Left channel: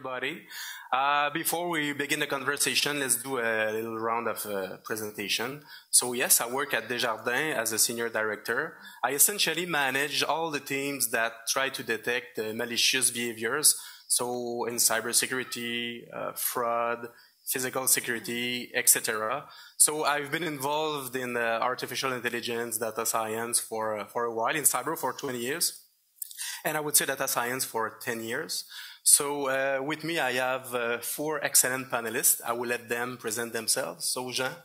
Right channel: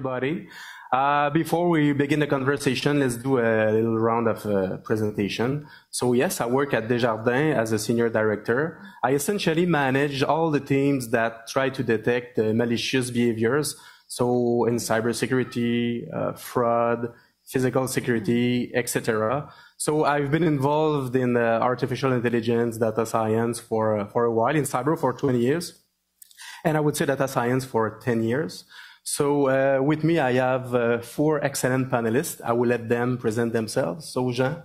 everybody. Before we begin the conversation, let's do a little round of presentation. So yes, I work at Desjardins as a senior director. I essentially manage all the teams that try to detect malicious behaviors. So in cybersecurity, fraud, physical security, etc. So I've been involved in artificial intelligence, data science for a while, in cyber for 20 years. And I would say data science for 10 years. So with me, I have 4 excellent panelists. I will let them present themselves. So Jean.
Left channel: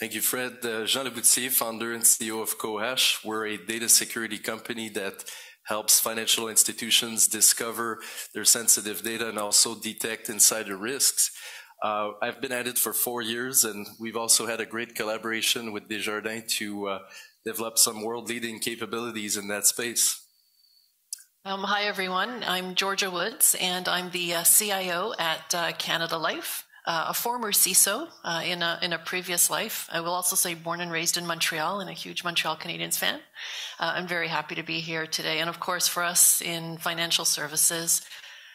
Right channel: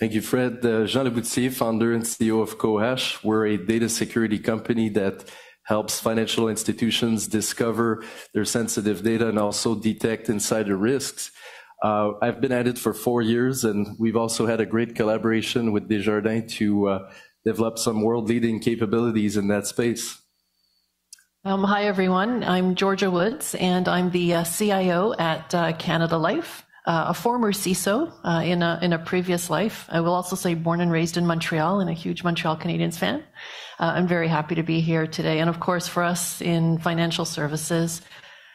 Thank you, Fred. Jean Bouthillier, founder and CEO of Qohash. We're a data security company that helps financial institutions discover their sensitive data and also detect insider risks. I've been at it for 4 years, and we've also had a great collaboration with Desjardins to develop some world-leading capabilities in that space. Hi, everyone. I'm Georgia Woods, and I'm the CIO at Canada Life, a former CISO in a previous life. I will also say born and raised in Montreal and a huge Montreal Canadiens fan. I'm very happy to be here today. And of course, for us in financial services,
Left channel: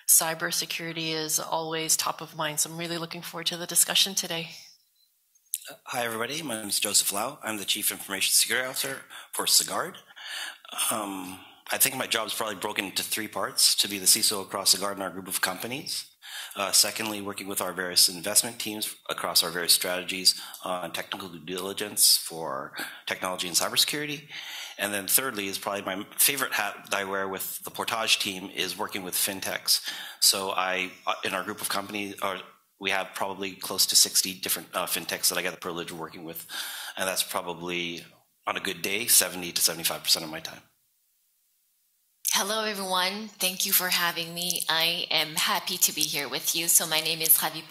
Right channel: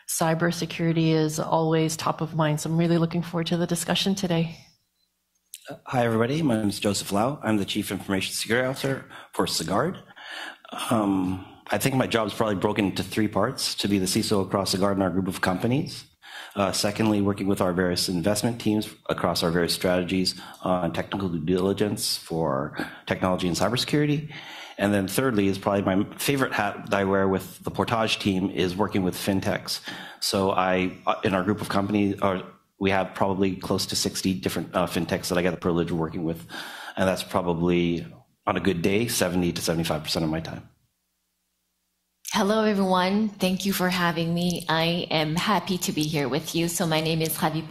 cybersecurity is always top of mind. So I'm really looking forward to the discussion today. Hi, everybody. My name is Joseph Lau. I'm the Chief Information Security Officer for Sagard. I think my job is probably broken into 3 parts: to be the CISO across Sagard and our group of companies. Secondly, working with our various investment teams across our various strategies on technical due diligence for technology and cybersecurity. And then thirdly is probably my favorite hat that I wear with the Portage team is working with fintechs. So in our group of companies, we have probably close to 60 different fintechs that I get the privilege of working with. And that's probably, on a good day, 70 to 75% of my time. Hello, everyone. Thank you for having me. I am happy to be here with you. So my name is Ravy,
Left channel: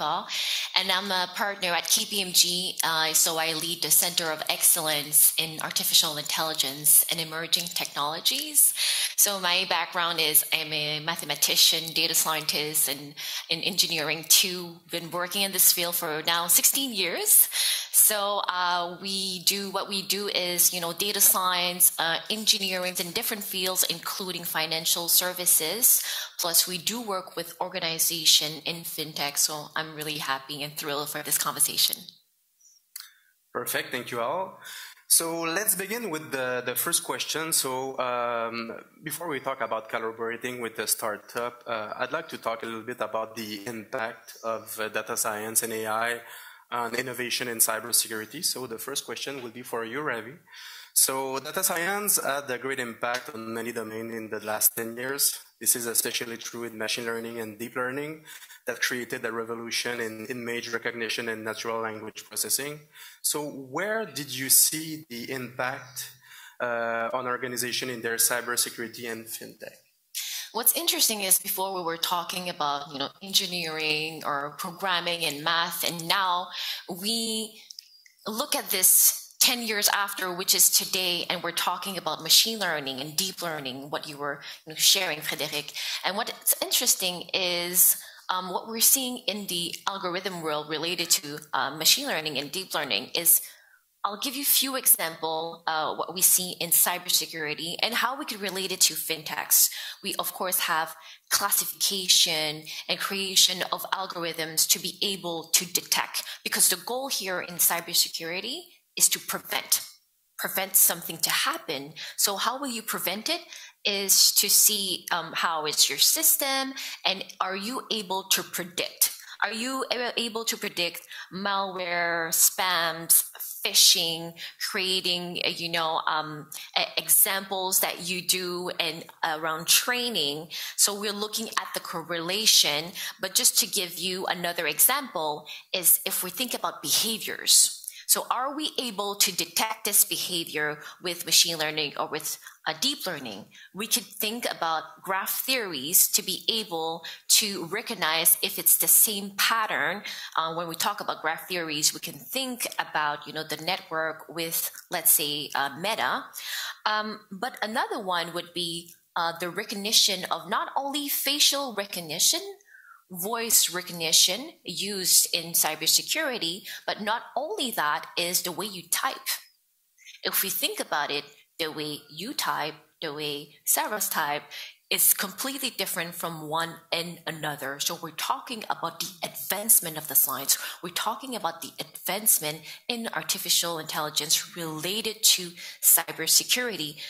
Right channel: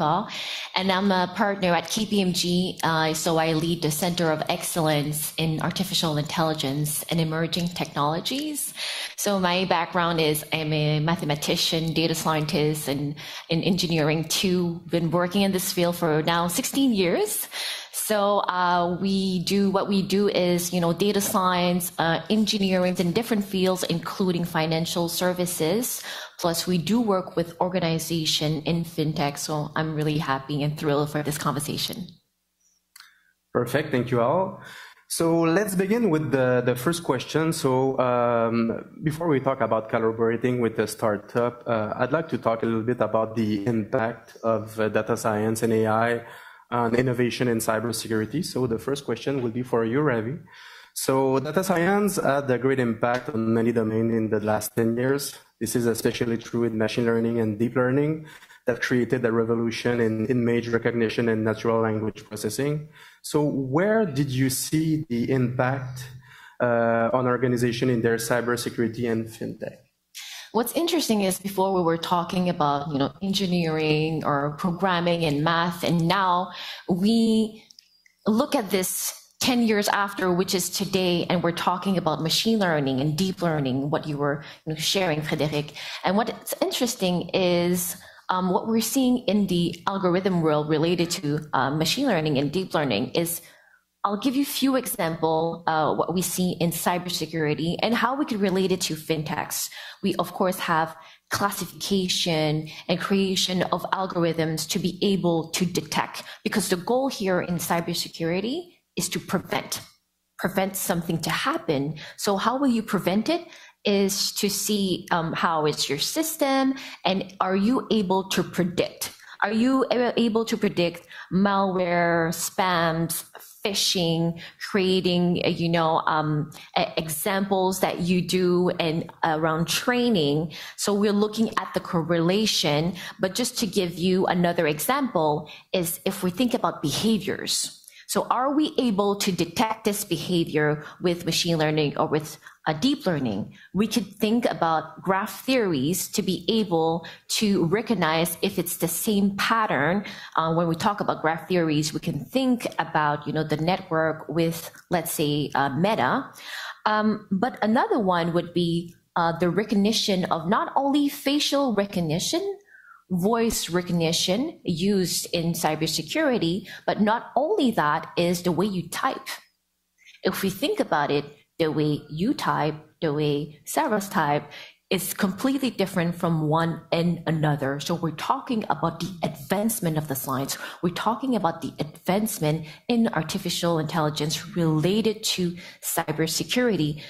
and I'm a partner at KPMG. So I lead the Center of Excellence in Artificial Intelligence and Emerging Technologies. So my background is I'm a mathematician, data scientist, and in engineering too. Been working in this field for now 16 years. So what we do is, data science, engineering in different fields, including financial services. Plus, we do work with organization in fintech. So I'm really happy and thrilled for this conversation. Perfect. Thank you all. So let's begin with the first question. So before we talk about collaborating with the startup, I'd like to talk a little bit about the impact of data science and AI on innovation in cybersecurity. So the first question will be for you, Ravy. So data science had a great impact on many domains in the last 10 years. This is especially true in machine learning and deep learning that created a revolution in image recognition and natural language processing. So where did you see the impact on organization in their cybersecurity and fintech? What's interesting is before we were talking about, engineering or programming and math, and now we look at this 10 years after, which is today, and we're talking about machine learning and deep learning, what you were sharing, Frédéric. And what's interesting is what we're seeing in the algorithm world related to machine learning and deep learning is, I'll give you a few examples what we see in cybersecurity and how we could relate it to fintechs. We, of course, have classification and creation of algorithms to be able to detect, because the goal here in cybersecurity is to prevent something to happen. So how will you prevent it is to see how is your system, and are you able to predict? Are you able to predict malware, spams, phishing, creating, examples that you do and around training? So we're looking at the correlation, but just to give you another example is if we think about behaviors. So are we able to detect this behavior with machine learning or with deep learning? We could think about graph theories to be able to recognize if it's the same pattern. When we talk about graph theories, we can think about, the network with, let's say, Meta. But another one would be the recognition of not only facial recognition, voice recognition used in cybersecurity, but not only that is the way you type. If we think about it, the way you type, the way Sarah's type, is completely different from one and another. So we're talking about the advancement of the science. We're talking about the advancement in artificial intelligence related to cybersecurity.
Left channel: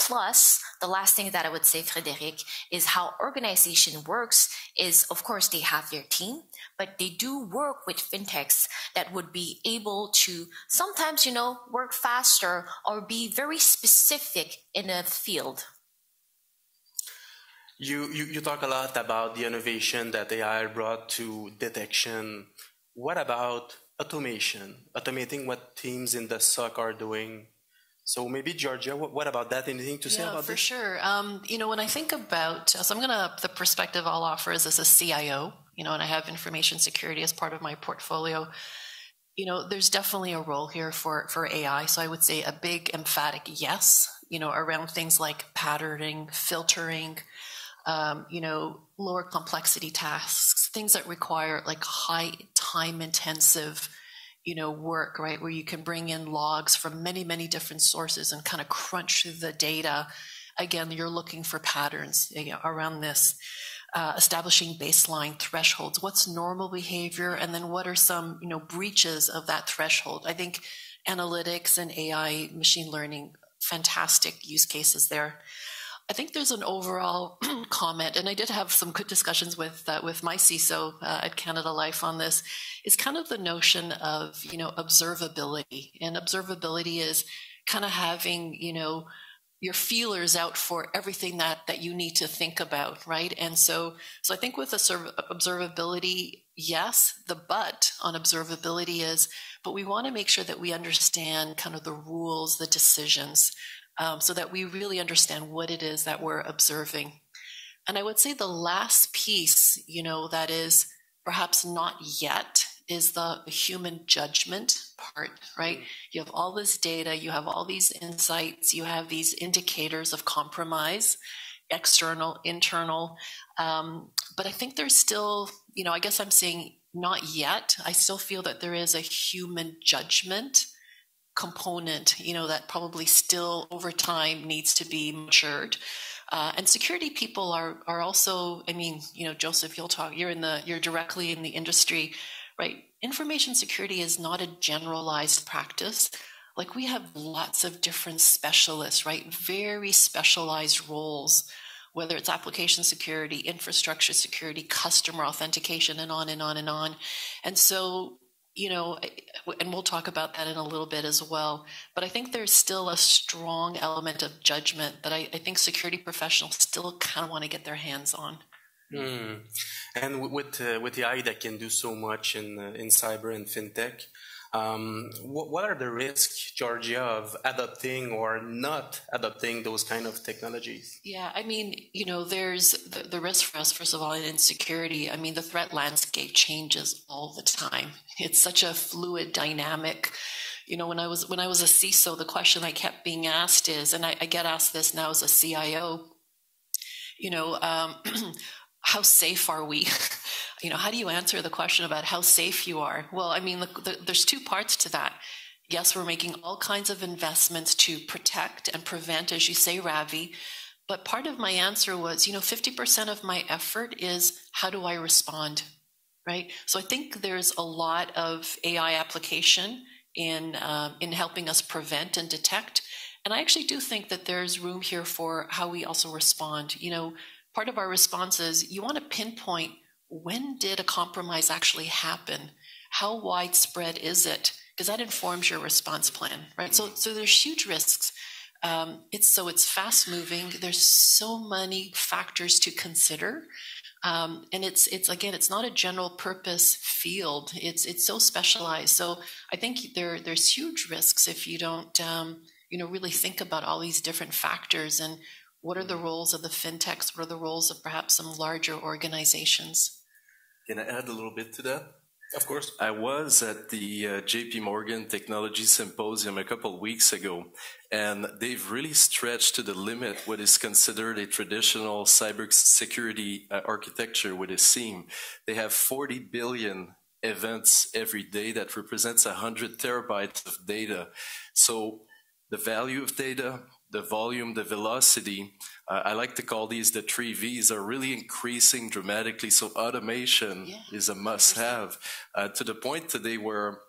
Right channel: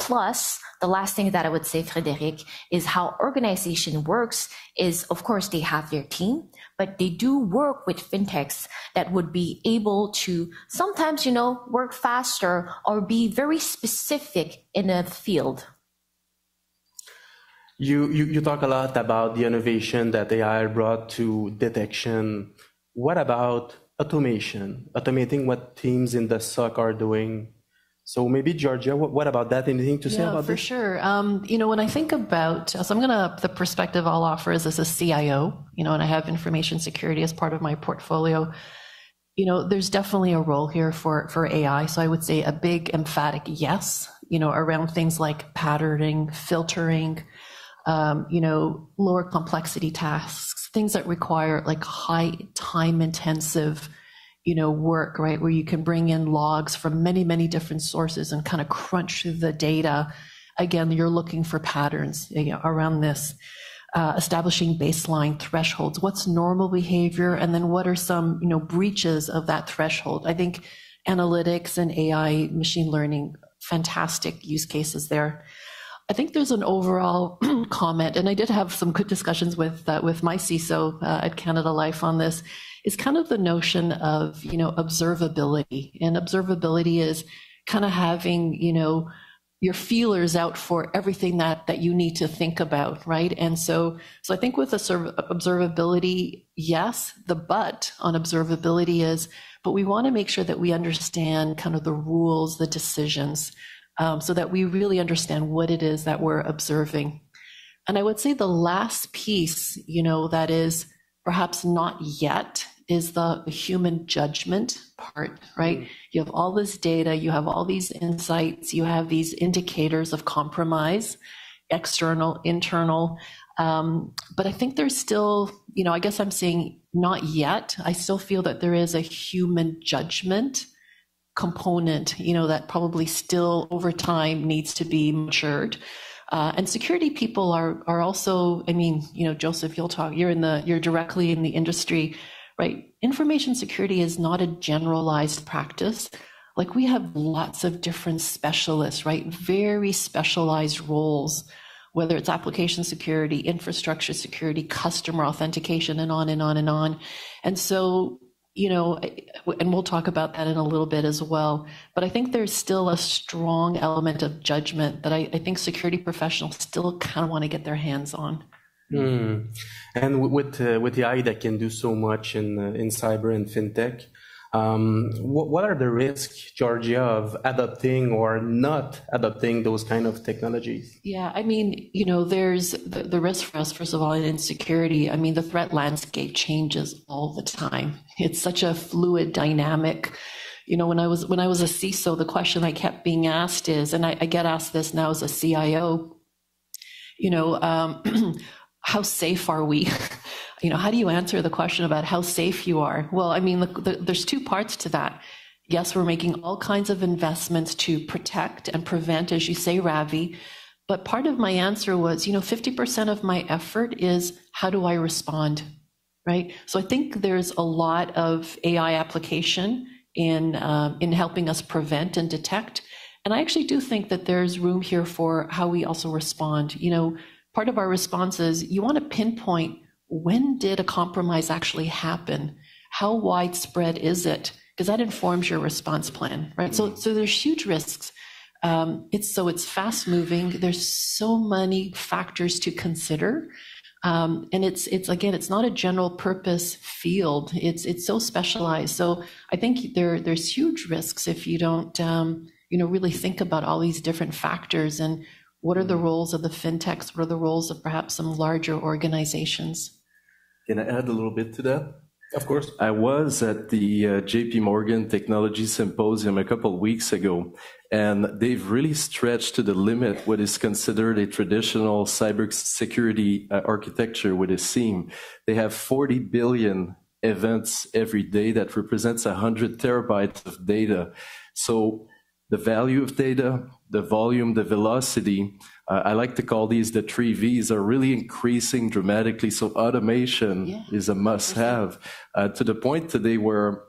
Plus, the last thing that I would say, Frédéric, is how organization works is, of course, they have their team, but they do work with fintechs that would be able to sometimes, work faster or be very specific in a field. You talk a lot about the innovation that AI brought to detection. What about automation, automating what teams in the SOC are doing? So maybe Georgia, what about that? Anything to say about this? Yeah, for sure. When I think about, so the perspective I'll offer is as a CIO, and I have information security as part of my portfolio. There's definitely a role here for AI. So I would say a big emphatic yes, around things like patterning, filtering, lower complexity tasks, things that require like high time intensive work, right? Where you can bring in logs from many, many different sources and kind of crunch the data. Again, you're looking for patterns around this, establishing baseline thresholds. What's normal behavior? And then what are some, breaches of that threshold? I think analytics and AI, machine learning, fantastic use cases there. I think there's an overall comment, and I did have some good discussions with my CISO at Canada Life on this, is kind of the notion of, observability. And observability is kind of having, your feelers out for everything that you need to think about, right? And so I think with observability, yes, the but on observability is, but we want to make sure that we understand kind of the rules, the decisions, so that we really understand what it is that we're observing. And I would say the last piece, that is perhaps not yet, is the human judgment part, right? You have all this data, you have all these insights, you have these indicators of compromise, external, internal. But I think there's still, I guess I'm saying not yet. I still feel that there is a human judgment component, that probably still over time needs to be matured. And security people are also, Joseph, you're directly in the industry, right? Information security is not a generalized practice. Like we have lots of different specialists, right? Very specialized roles, whether it's application security, infrastructure security, customer authentication, and on and on and on. And so, and we'll talk about that in a little bit as well. But I think there's still a strong element of judgment that I think security professionals still kind of want to get their hands on. And with the AI that can do so much in cyber and fintech, what are the risks, Georgia, of adopting or not adopting those kind of technologies? Yeah, there's the risk for us, first of all, in security. The threat landscape changes all the time. It's such a fluid dynamic. When I was a CISO, the question I kept being asked is, and I get asked this now as a CIO, how safe are we? How do you answer the question about how safe you are? Well, there's two parts to that. Yes, we're making all kinds of investments to protect and prevent, as you say, Ravy. But part of my answer was, 50% of my effort is how do I respond, right? So I think there's a lot of AI application in helping us prevent and detect. And I actually do think that there's room here for how we also respond. Part of our response is you want to pinpoint, when did a compromise actually happen? How widespread is it? Because that informs your response plan, right? So there's huge risks. It's fast moving. There's so many factors to consider. And it's not a general purpose field. It's so specialized. So I think there's huge risks if you don't, really think about all these different factors and what are the roles of the fintechs? What are the roles of perhaps some larger organizations? Can I add a little bit to that? Of course. I was at the JP Morgan Technology Symposium a couple of weeks ago, and they've really stretched to the limit what is considered a traditional cybersecurity architecture with a SIEM. They have 40 billion events every day that represents 100 terabytes of data. So the value of data, the volume, the velocity, I like to call these the 3 V's, are really increasing dramatically. So automation is a must-have, to the point today where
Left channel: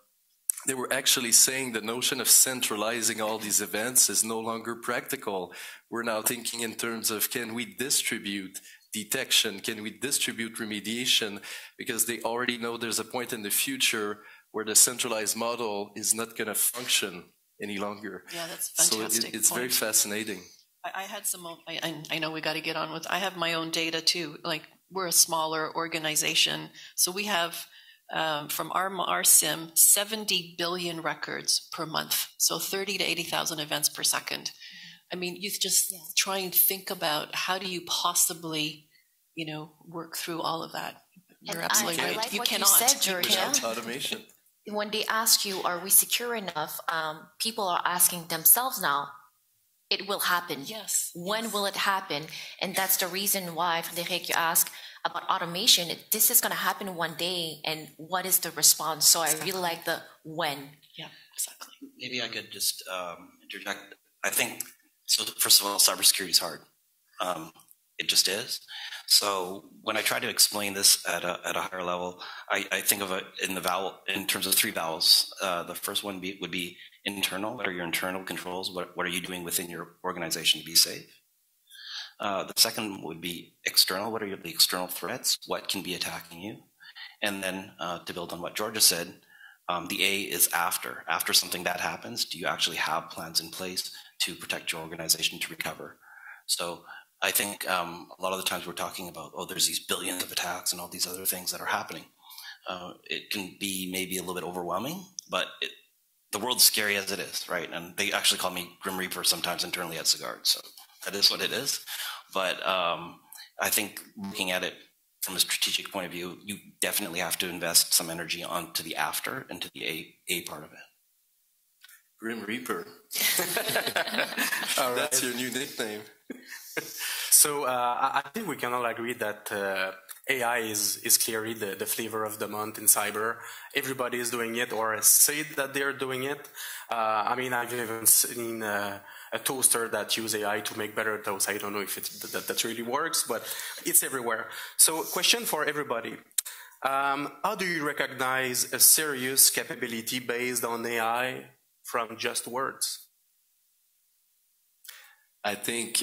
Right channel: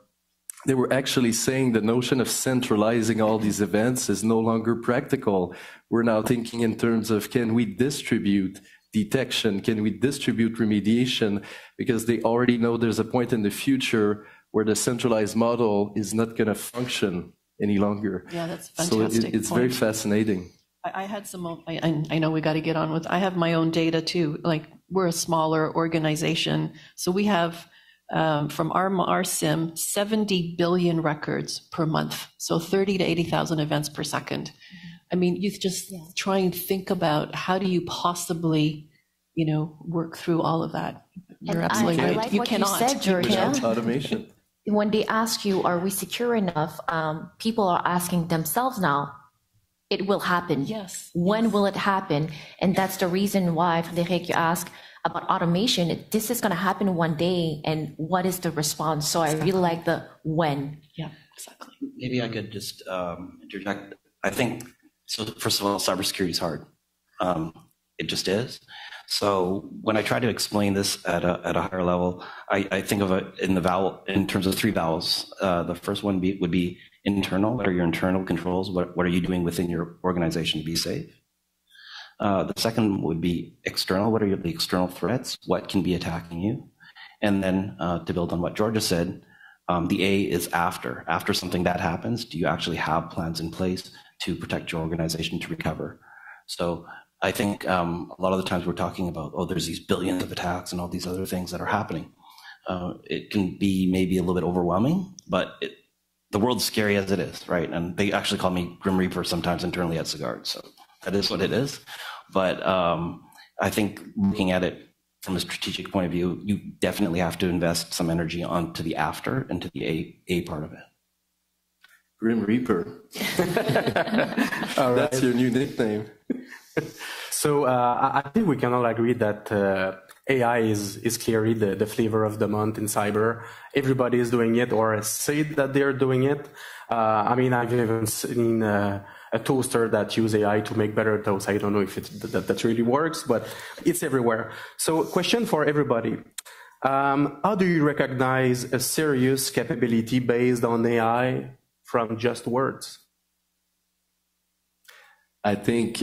they were actually saying the notion of centralizing all these events is no longer practical. We're now thinking in terms of, can we distribute detection? Can we distribute remediation? Because they already know there's a point in the future where the centralized model is not going to function any longer. Yeah, that's fantastic. So it's very fascinating. I had some, I know we got to get on with, I have my own data too. Like, we're a smaller organization. So we have, from our SIM, 70 billion records per month. So 30 to 80,000 events per second. I mean, you just try and think about how do you possibly, work through all of that. You're absolutely right. I like you what cannot. you said, Georgia. Automation. When they ask you, are we secure enough? People are asking themselves now, it will happen. Yes. When will it happen? And that's the reason why, Frédéric, you ask about automation. This is going to happen one day, and what is the response? So I really like the when. Yeah, exactly. Maybe I could just interject. I think, so first of all, cybersecurity is hard. It just is. So when I try to explain this at a higher level, I think of it in terms of 3 vowels. The first one would be internal. What are your internal controls? What are you doing within your organization to be safe? The second would be external. What are the external threats? What can be attacking you? And then to build on what Georgia said, the A is after. After something bad happens, do you actually have plans in place to protect your organization to recover? So I think a lot of the times we're talking about, there's these billions of attacks and all these other things that are happening. It can be maybe a little bit overwhelming, but the world's scary as it is, right? And they actually call me Grim Reaper sometimes internally at Sagard, so that is what it is. But I think looking at it from a strategic point of view, you definitely have to invest some energy onto the after and to the A part of it. Grim Reaper. All right. That's your new nickname. So I think we can all agree that AI is clearly the flavor of the month in cyber. Everybody is doing it or say that they're doing it. I mean, I've even seen a toaster that use AI to make better toast. I don't know if that really works, but it's everywhere. So question for everybody. How do you recognize a serious capability based on AI from just words? I think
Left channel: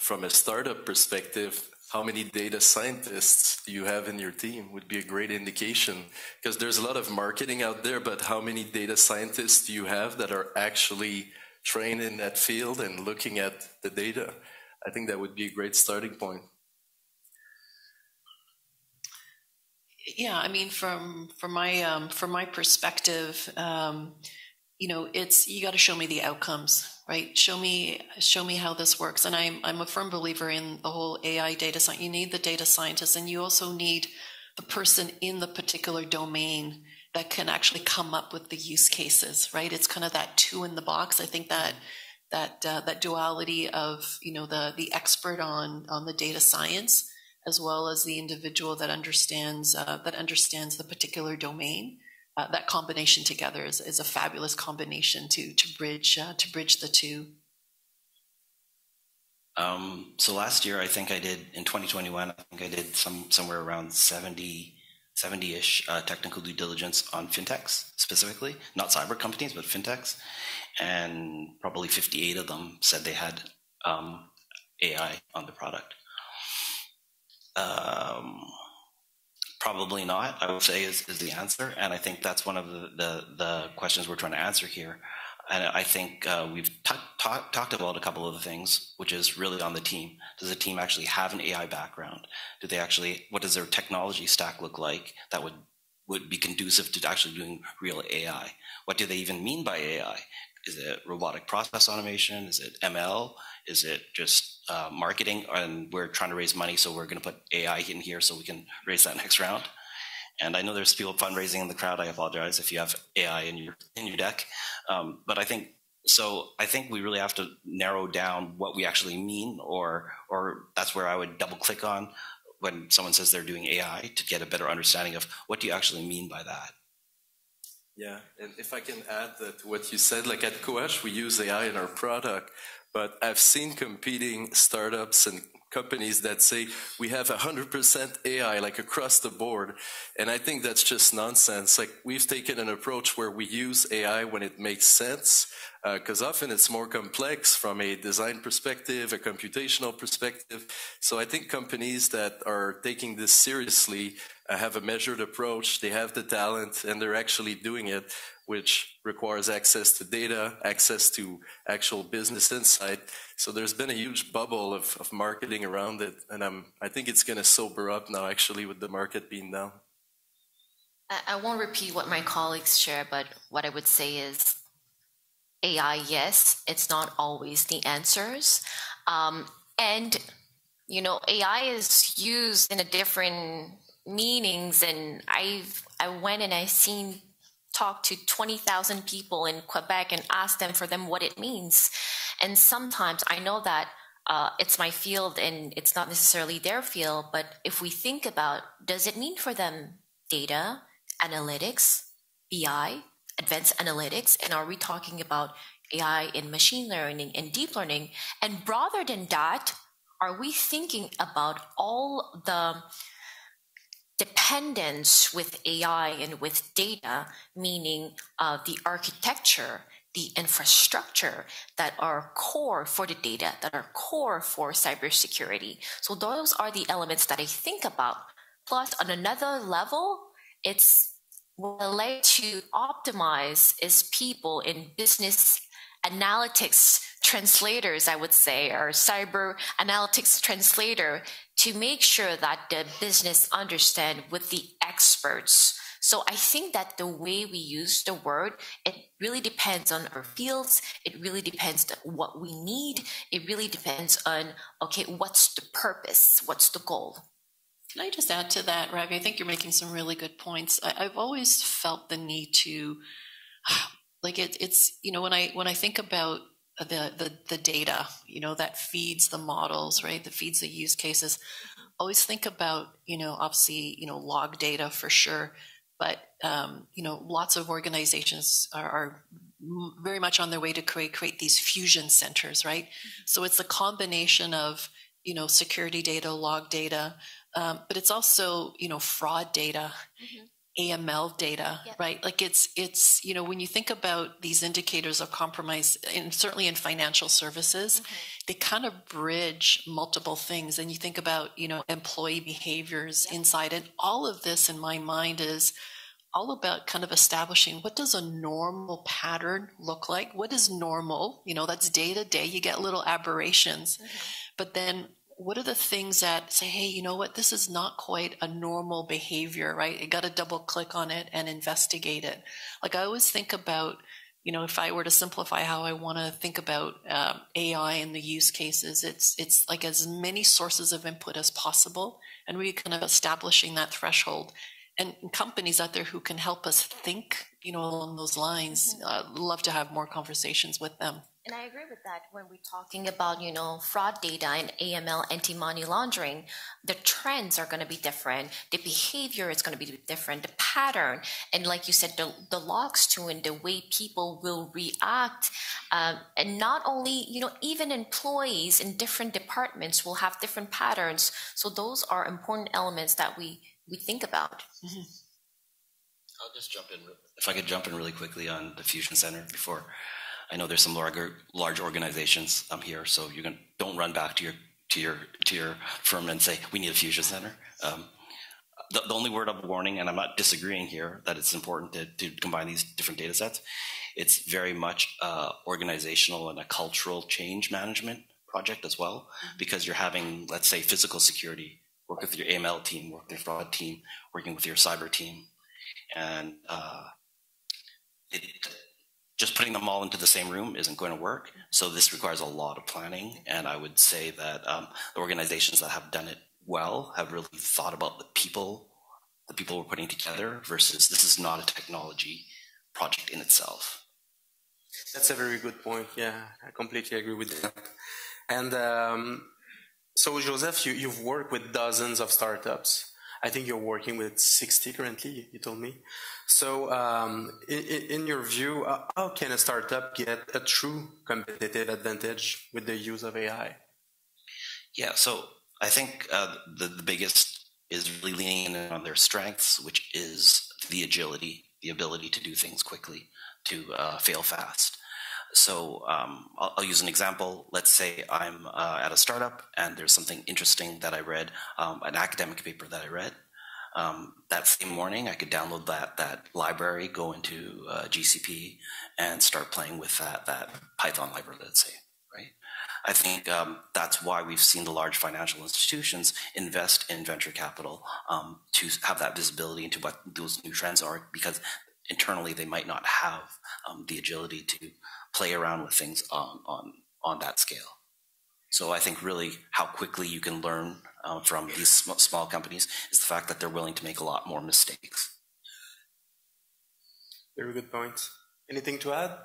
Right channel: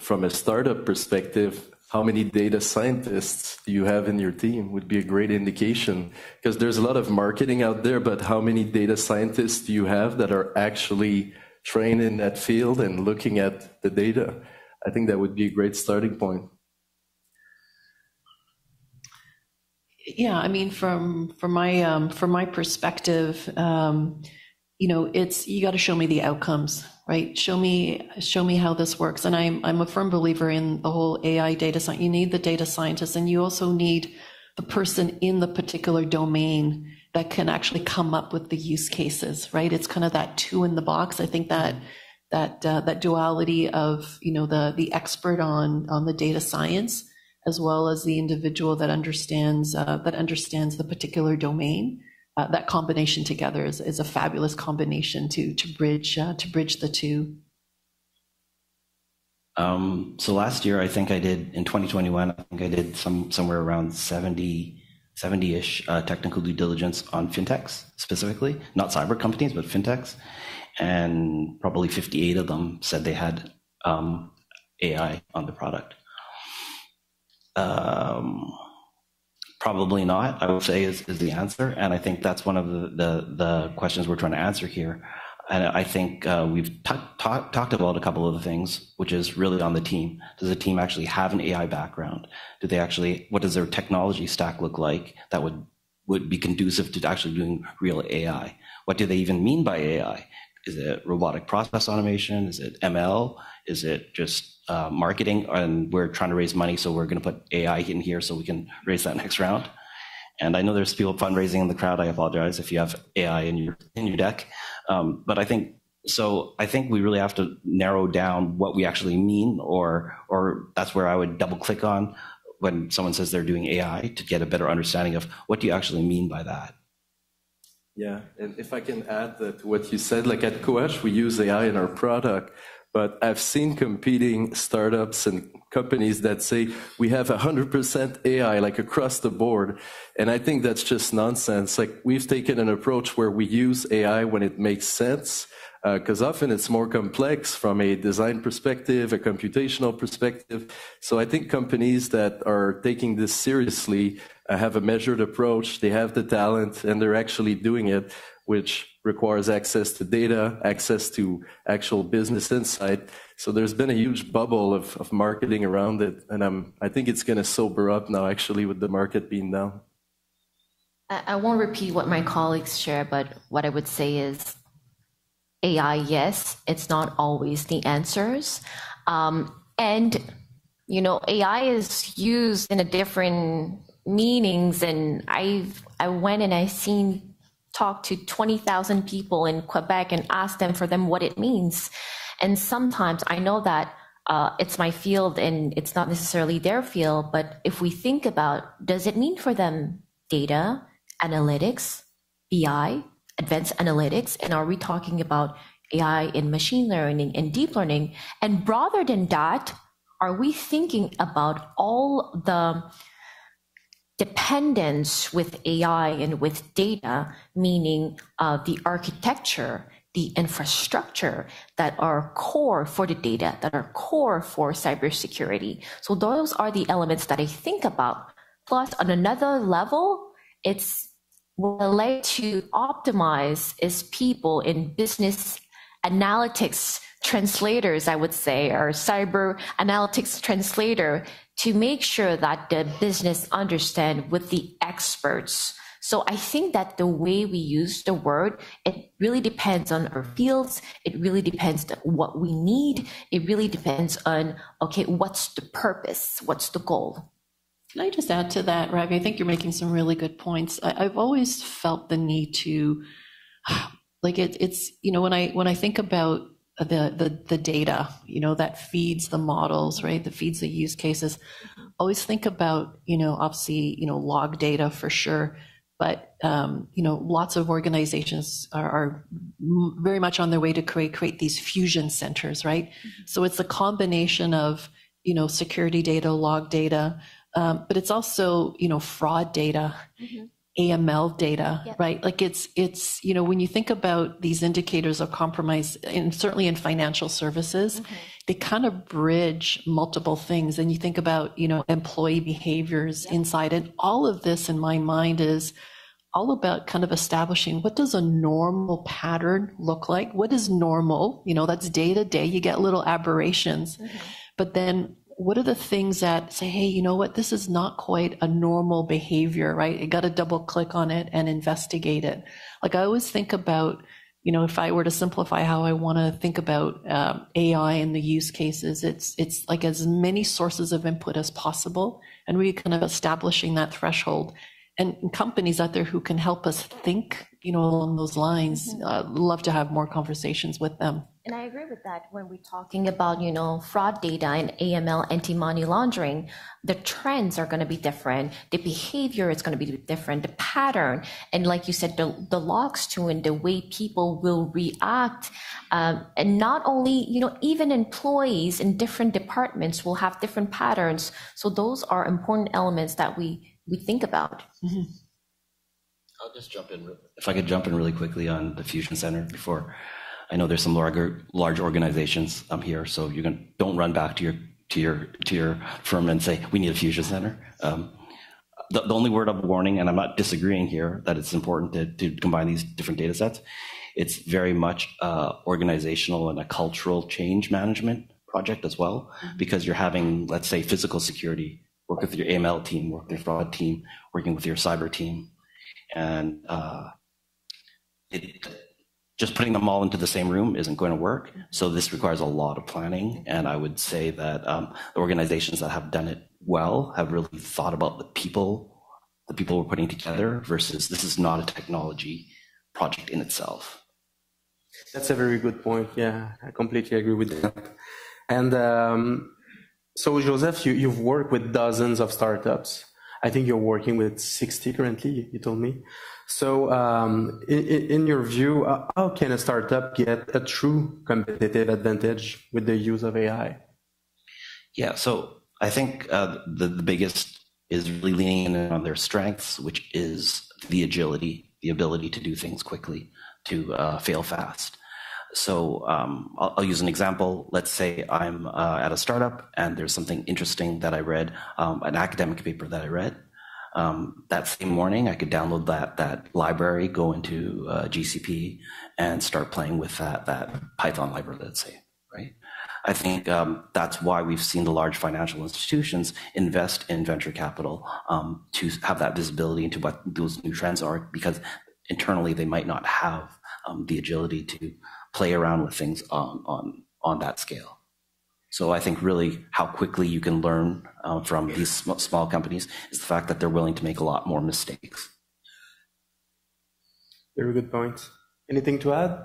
from a startup perspective, how many data scientists do you have in your team would be a great indication, because there's a lot of marketing out there, but how many data scientists do you have that are actually trained in that field and looking at the data? I think that would be a great starting point. Yeah, I mean, from my perspective, it's, you got to show me the outcomes, right? Show me how this works. And I'm a firm believer in the whole AI data science. You need the data scientist, and you also need the person in the particular domain that can actually come up with the use cases, right? It's kind of that 2 in the box. I think that duality of, the expert on the data science, as well as the individual that understands the particular domain. That combination together is a fabulous combination to bridge the two. So last year, I think I did, in 2021, I think I did somewhere around 70-ish technical due diligence on fintechs specifically, not cyber companies, but fintechs. And probably 58 of them said they had AI on the product. Probably not, I would say, is the answer. And I think that's one of the questions we're trying to answer here. And I think we've talked about a couple of the things, which is really on the team. Does the team actually have an AI background? What does their technology stack look like that would be conducive to actually doing real AI? What do they even mean by AI? Is it robotic process automation? Is it ML? Is it just marketing? And we're trying to raise money, so we're going to put AI in here so we can raise that next round. And I know there's people fundraising in the crowd. I apologize if you have AI in your deck. But I think we really have to narrow down what we actually mean, or that's where I would double click on when someone says they're doing AI, to get a better understanding of what do you actually mean by that. Yeah, and if I can add that what you said, like at Qohash, we use AI in our product, But I've seen competing startups and companies that say we have 100% AI, like across the board. And I think that's just nonsense. Like, we've taken an approach where we use AI when it makes sense, because often it's more complex from a design perspective, a computational perspective. So I think companies that are taking this seriously have a measured approach, they have the talent, and they're actually doing it, which requires access to data, access to actual business insight. So there's been a huge bubble of marketing around it, and I think it's going to sober up now, actually, with the market being down. I won't repeat what my colleagues share, but what I would say is AI, yes, it's not always the answers. And, you know, AI is used in a different meanings, and I went and talked to 20,000 people in Quebec and asked them for them what it means. And sometimes I know that it's my field and it's not necessarily their field, but if we think about, does it mean for them data, analytics, BI, advanced analytics, and are we talking about AI in machine learning and deep learning? And rather than that, are we thinking about all the dependence with AI and with data, meaning the architecture, the infrastructure that are core for the data, that are core for cybersecurity? So those are the elements that I think about. Plus, on another level, it's what I like to optimize is people in business analytics translators, I would say, or cyber analytics translator, to make sure that the business understand with the experts. So I think that the way we use the word, it really depends on our fields. It really depends on what we need. It really depends on, okay, what's the purpose? What's the goal? Can I just add to that, Ravy? I think you're making some really good points. I've always felt the need to, like, it's you know, when I think about the data, you know, that feeds the models, right? That feeds the use cases. Always think about, you know, obviously, you know, log data for sure, but you know, lots of organizations are very much on their way to create these fusion centers, right? So it's a combination of, you know, security data, log data. But it's also, you know, fraud data, AML data, right? Like it's, you know, when you think about these indicators of compromise, and certainly in financial services, they kind of bridge multiple things. And you think about, you know, employee behaviors inside, and all of this in my mind is all about kind of establishing, what does a normal pattern look like? What is normal? You know, that's day to day. You get little aberrations, but then what are the things that say, hey, you know what, this is not quite a normal behavior, right? You got to double click on it and investigate it. Like, I always think about, you know, if I were to simplify how I want to think about AI and the use cases, it's like as many sources of input as possible, and we kind of establishing that threshold. And companies out there who can help us think, you know, along those lines, love to have more conversations with them. And I agree with that. When we're talking about, you know, fraud data and AML, anti-money laundering, the trends are going to be different. The behavior is going to be different, the pattern. And like you said, the logs too, and the way people will react. And not only, you know, even employees in different departments will have different patterns. So those are important elements that we think about. I'll just jump in. If I could jump in really quickly on the Fusion Center before. I know there's some large organizations here, so don't run back to your firm and say we need a Fusion Center. The only word of warning, and I'm not disagreeing here, that it's important to combine these different data sets. It's very much organizational and a cultural change management project as well, because you're having, let's say, physical security, work with your AML team, work with your fraud team, working with your cyber team, and just putting them all into the same room isn't going to work. So this requires a lot of planning. And I would say that the organizations that have done it well have really thought about the people we're putting together versus this is not a technology project in itself. That's a very good point. Yeah, I completely agree with that. And so Joseph, you've worked with dozens of startups. I think you're working with 60 currently, you told me. So in your view, how can a startup get a true competitive advantage with the use of AI? Yeah, so I think the biggest is really leaning in on their strengths, which is the agility, the ability to do things quickly, to fail fast. So I'll use an example. Let's say I'm at a startup and there's something interesting that I read, an academic paper that I read. That same morning, I could download that library, go into GCP, and start playing with that Python library, let's say, right? I think that's why we've seen the large financial institutions invest in venture capital to have that visibility into what those new trends are, because internally they might not have the agility to play around with things on that scale. So I think really how quickly you can learn from these small companies is the fact that they're willing to make a lot more mistakes. Very good point. Anything to add?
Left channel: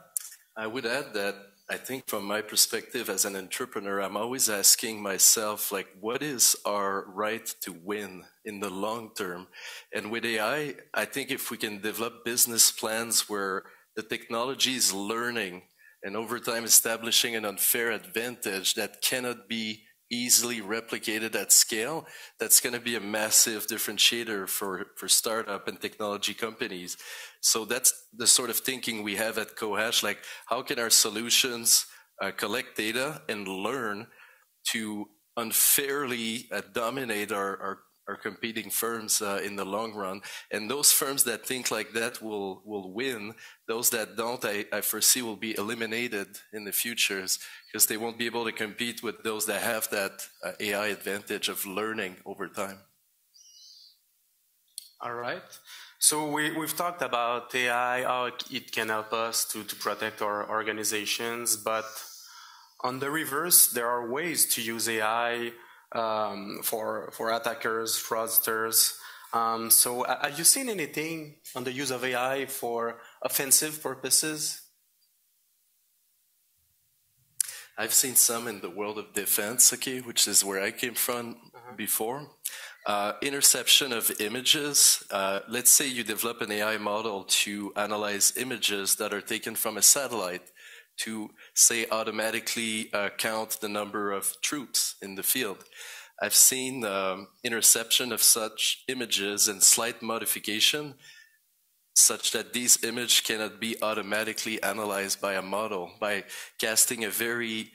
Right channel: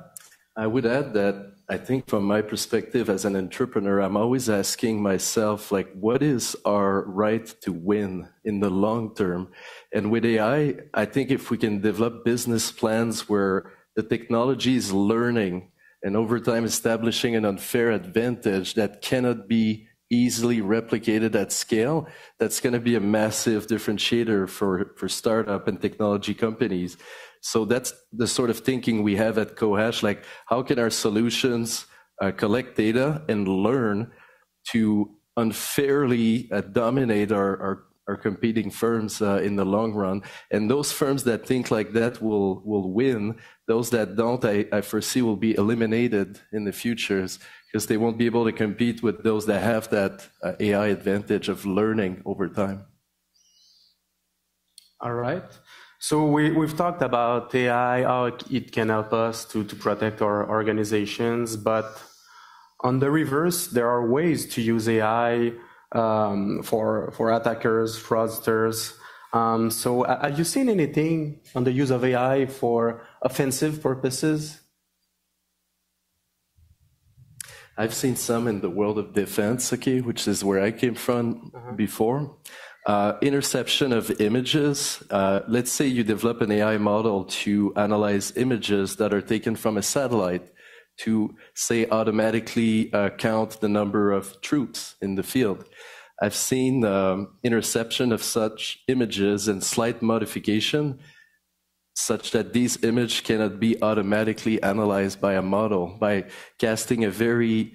I would add that I think from my perspective as an entrepreneur, I'm always asking myself, like, what is our right to win in the long term? And with AI, I think if we can develop business plans where the technology is learning and over time establishing an unfair advantage that cannot be easily replicated at scale, that's going to be a massive differentiator for startup and technology companies. So that's the sort of thinking we have at Qohash, like how can our solutions collect data and learn to unfairly dominate our competing firms in the long run. And those firms that think like that will win. Those that don't, I foresee will be eliminated in the futures because they won't be able to compete with those that have that AI advantage of learning over time. All right. So we've talked about AI, how it can help us to protect our organizations, but on the reverse, there are ways to use AI for attackers, fraudsters. So have you seen anything on the use of AI for offensive purposes? I've seen some in the world of defense, okay, which is where I came from before. Interception of images. Let's say you develop an AI model to analyze images that are taken from a satellite to, say, automatically count the number of troops in the field. I've seen interception of such images and slight modification such that these images cannot be automatically analyzed by a model by casting a very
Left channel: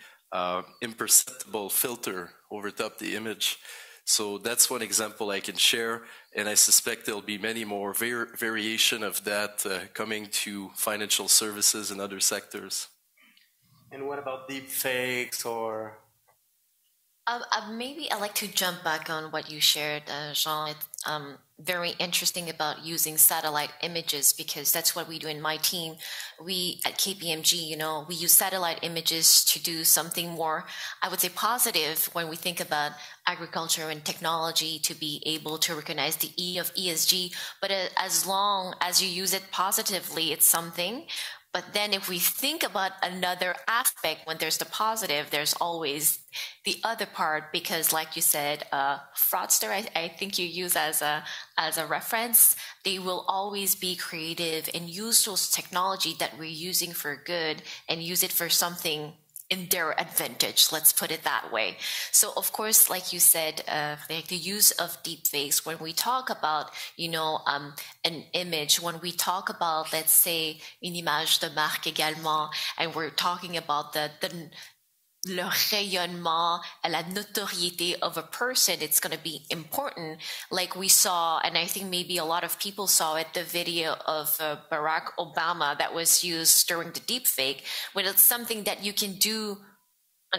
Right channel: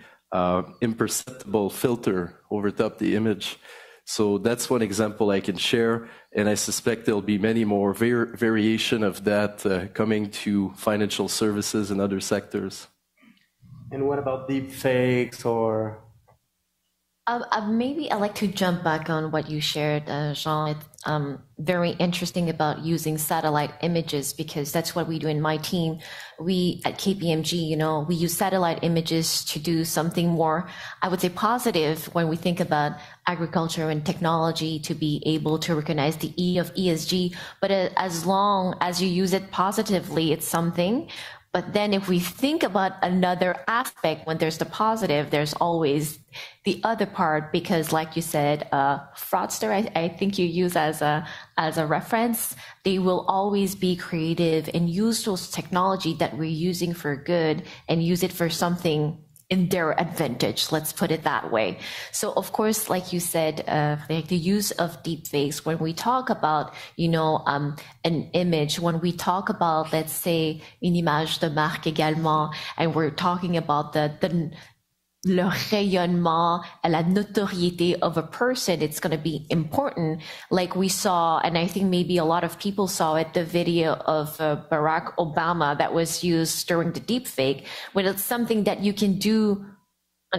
imperceptible filter over top the image. So that's one example I can share, and I suspect there'll be many more variation of that coming to financial services and other sectors. And what about deep fakes or? Maybe I'd like to jump back on what you shared, Jean. It's very interesting about using satellite images because that's what we do in my team. We at KPMG, we use satellite images to do something more, I would say, positive when we think about agriculture and technology to be able to recognize the E of ESG. But as long as you use it positively, it's something. But then if we think about another aspect, when there's the positive, there's always the other part, because like you said, fraudster, I think you use as a reference, they will always be creative and use those technology that we're using for good and use it for something in their advantage, let's put it that way. So of course, like you said, like the use of deepfakes, when we talk about, an image, when we talk about, let's say, une image de marque également, and we're talking about le rayonnement, la notoriété of a person, it's going to be important. Like we saw, and I think maybe a lot of people saw it, the video of Barack Obama that was used during the deepfake, when it's something that you can do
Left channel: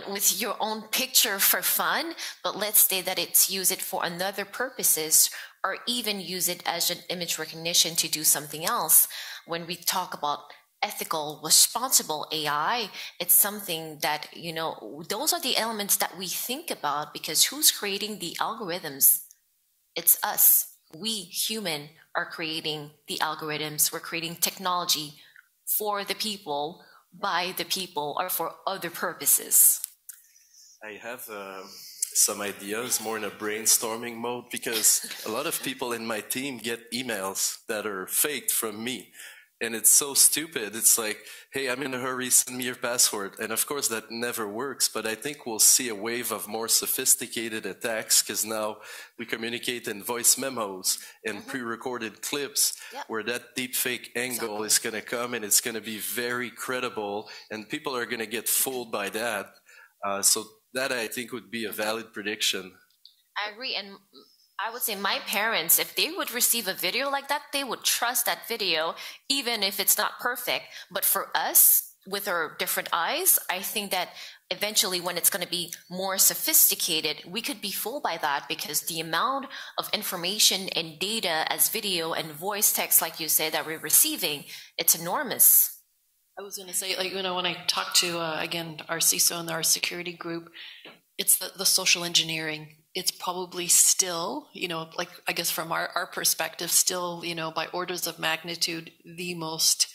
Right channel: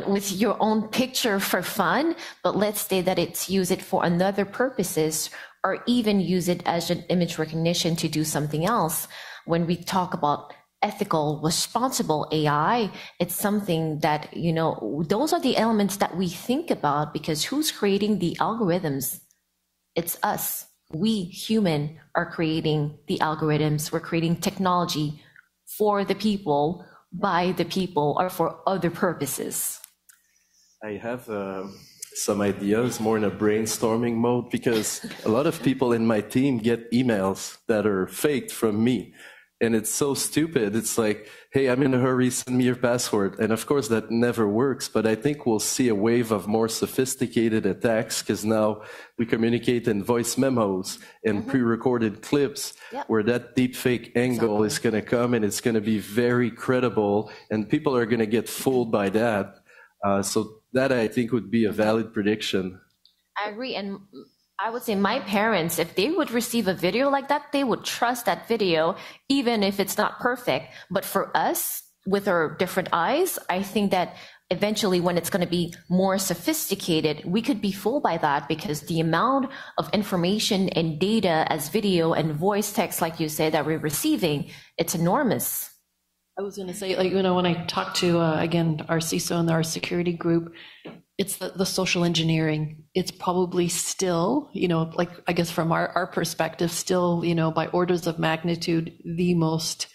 with your own picture for fun, but let's say that it's use it for another purposes, or even use it as an image recognition to do something else. When we talk about ethical, responsible AI, it's something that, those are the elements that we think about, because who's creating the algorithms? It's us. We human are creating the algorithms. We're creating technology for the people, by the people, or for other purposes. I have some ideas, more in a brainstorming mode, because a lot of people in my team get emails that are faked from me. And it's so stupid. It's like, hey, I'm in a hurry, send me your password. And of course, that never works. But I think we'll see a wave of more sophisticated attacks, because now we communicate in voice memos and pre-recorded clips where that deepfake angle is going to come, and it's going to be very credible. And people are going to get fooled by that. So that, I think, would be a valid prediction. I agree. And I would say my parents, if they would receive a video like that, they would trust that video, even if it's not perfect. But for us, with our different eyes, I think that eventually when it's going to be more sophisticated, we could be fooled by that, because the amount of information and data as video and voice text, like you said, that we're receiving, it's enormous. I was going to say, like, you know, when I talked to, again, our CISO and our security group, it's the social engineering. It's probably still, you know, like, I guess from our perspective, still, you know, by orders of magnitude, the most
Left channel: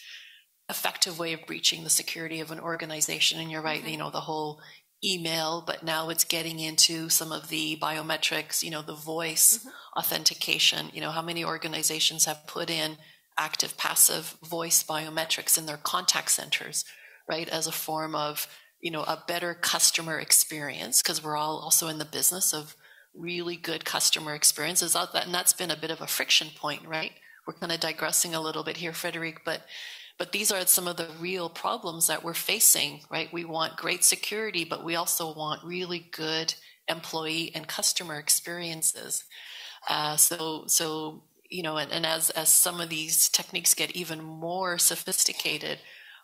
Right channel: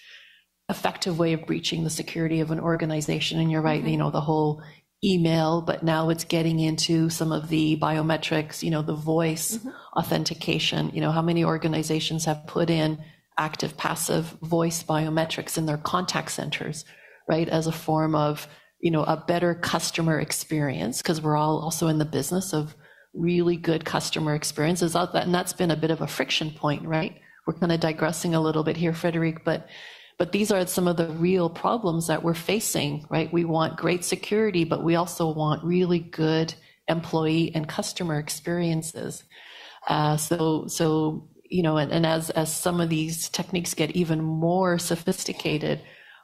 effective way of breaching the security of an organization. And you're right, you know, the whole email, but now it's getting into some of the biometrics, you know, the voice authentication. You know, how many organizations have put in active, passive voice biometrics in their contact centers, right, as a form of, you know, a better customer experience, because we're all also in the business of really good customer experiences out that, and that's been a bit of a friction point, right? We're kind of digressing a little bit here, Frederic, but these are some of the real problems that we're facing, right? We want great security, but we also want really good employee and customer experiences. So you know, and as some of these techniques get even more sophisticated,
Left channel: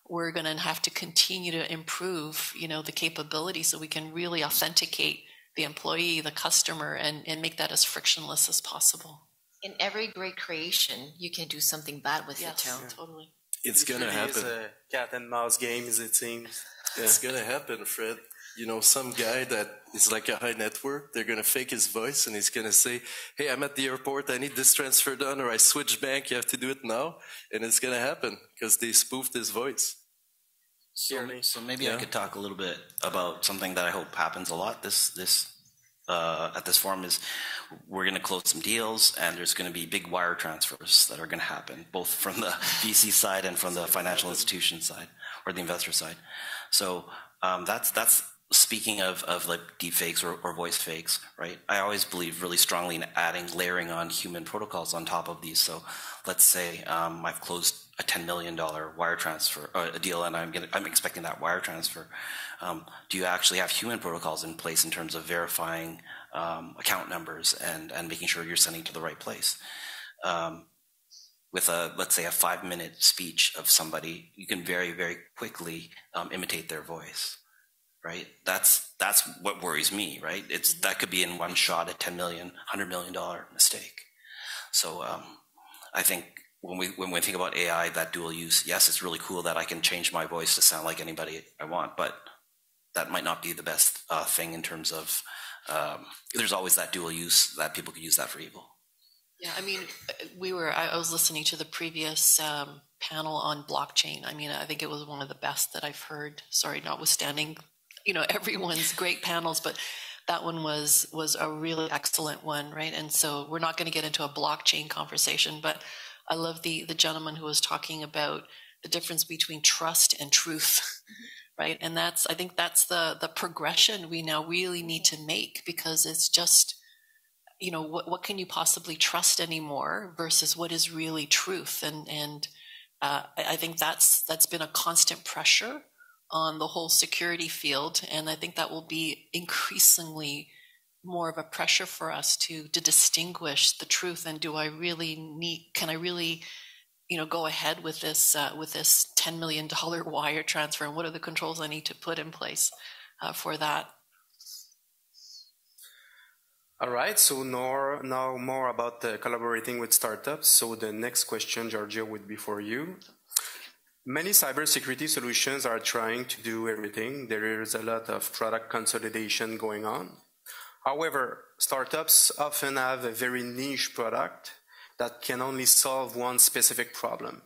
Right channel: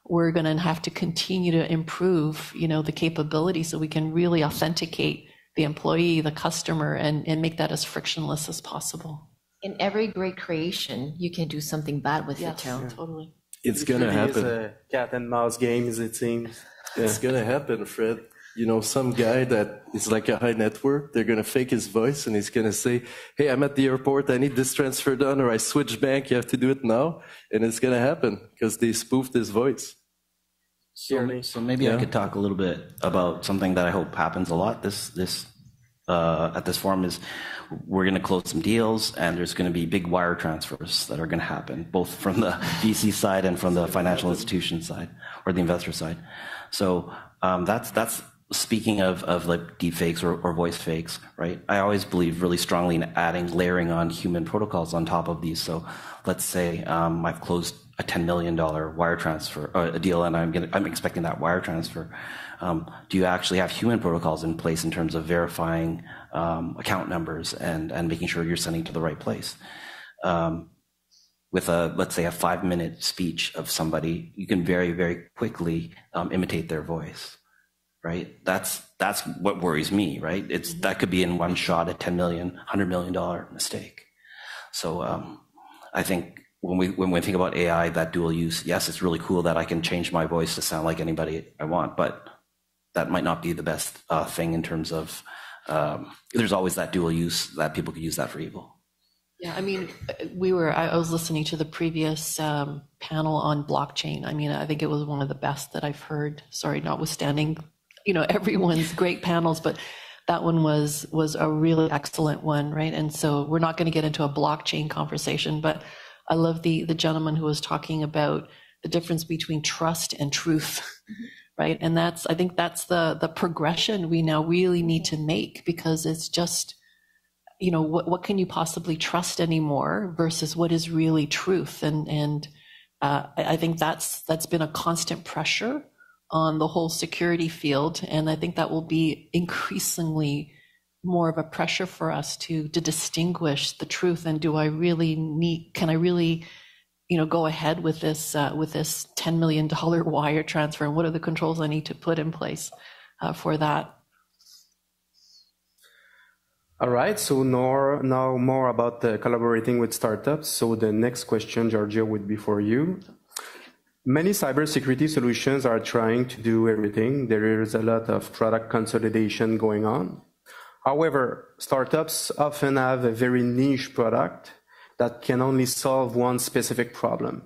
we're going to have to continue to improve, you know, the capability so we can really authenticate the employee, the customer, and make that as frictionless as possible. In every great creation, you can do something bad with it too. Totally. It's going to happen. It's a cat and mouse game, as it seems. It's going to happen, Fred. You know, some guy that is like a high network, they're going to fake his voice and he's going to say, hey, I'm at the airport, I need this transfer done, or I switched bank, you have to do it now. And it's going to happen because they spoofed his voice. So maybe I could talk a little bit about something that I hope happens a lot at this forum. Is we're going to close some deals, and there's going to be big wire transfers that are going to happen, both from the VC side and from the financial institution side or the investor side. So that's speaking of like deep fakes or voice fakes, right? I always believe really strongly in layering on human protocols on top of these. So let's say I've closed a $10 million wire transfer, a deal, and I'm expecting that wire transfer. Do you actually have human protocols in place in terms of verifying account numbers and making sure you're sending to the right place? With let's say a 5-minute speech of somebody, you can very, very quickly imitate their voice, right? That's what worries me, right? That could be in one shot a $10 million, $100 million mistake. So I think when we think about AI, that dual use, yes, it's really cool that I can change my voice to sound like anybody I want, but that might not be the best thing in terms of, there's always that dual use that people could use that for evil. Yeah, I mean, I was listening to the previous panel on blockchain. I mean, I think it was one of the best that I've heard. Sorry, notwithstanding, you know, everyone's great panels, but that one was a really excellent one, right? And so we're not going to get into a blockchain conversation, but I love the gentleman who was talking about the difference between trust and truth, right? And I think that's the progression we now really need to make, because it's just, you know, what can you possibly trust anymore versus what is really truth? And I think that's been a constant pressure on the whole security field. And I think that will be increasingly more of a pressure for us to distinguish the truth. And can I really, you know, go ahead with this $10 million wire transfer? And what are the controls I need to put in place for that? All right, so now more about collaborating with startups. So the next question, Georgia, would be for you. Many cybersecurity solutions are trying to do everything. There is a lot of product consolidation going on. However, startups often have a very niche product that can only solve one specific problem.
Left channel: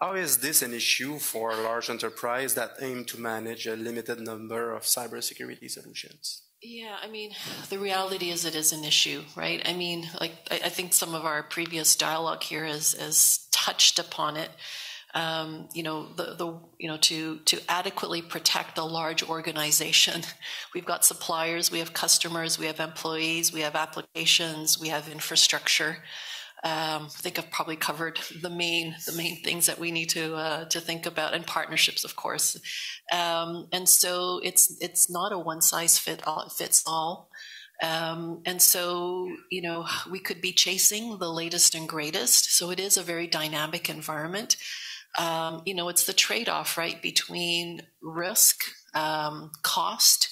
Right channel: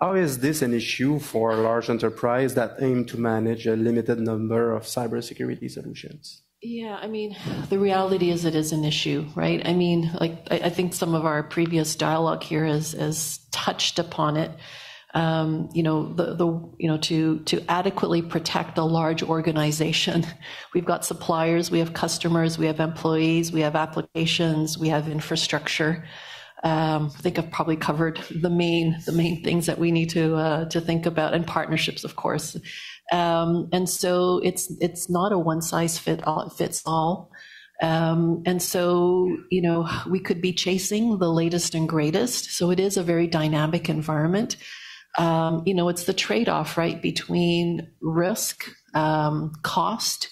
How is this an issue for large enterprises that aim to manage a limited number of cybersecurity solutions? Yeah, I mean, the reality is it is an issue, right? I mean, like, I think some of our previous dialogue here has touched upon it. You know, to adequately protect a large organization, we've got suppliers, we have customers, we have employees, we have applications, we have infrastructure. I think I've probably covered the main things that we need to think about, and partnerships, of course. And so it's not a one size fits all. And so, you know, we could be chasing the latest and greatest. So it is a very dynamic environment. You know, it's the trade-off, right, between risk, cost,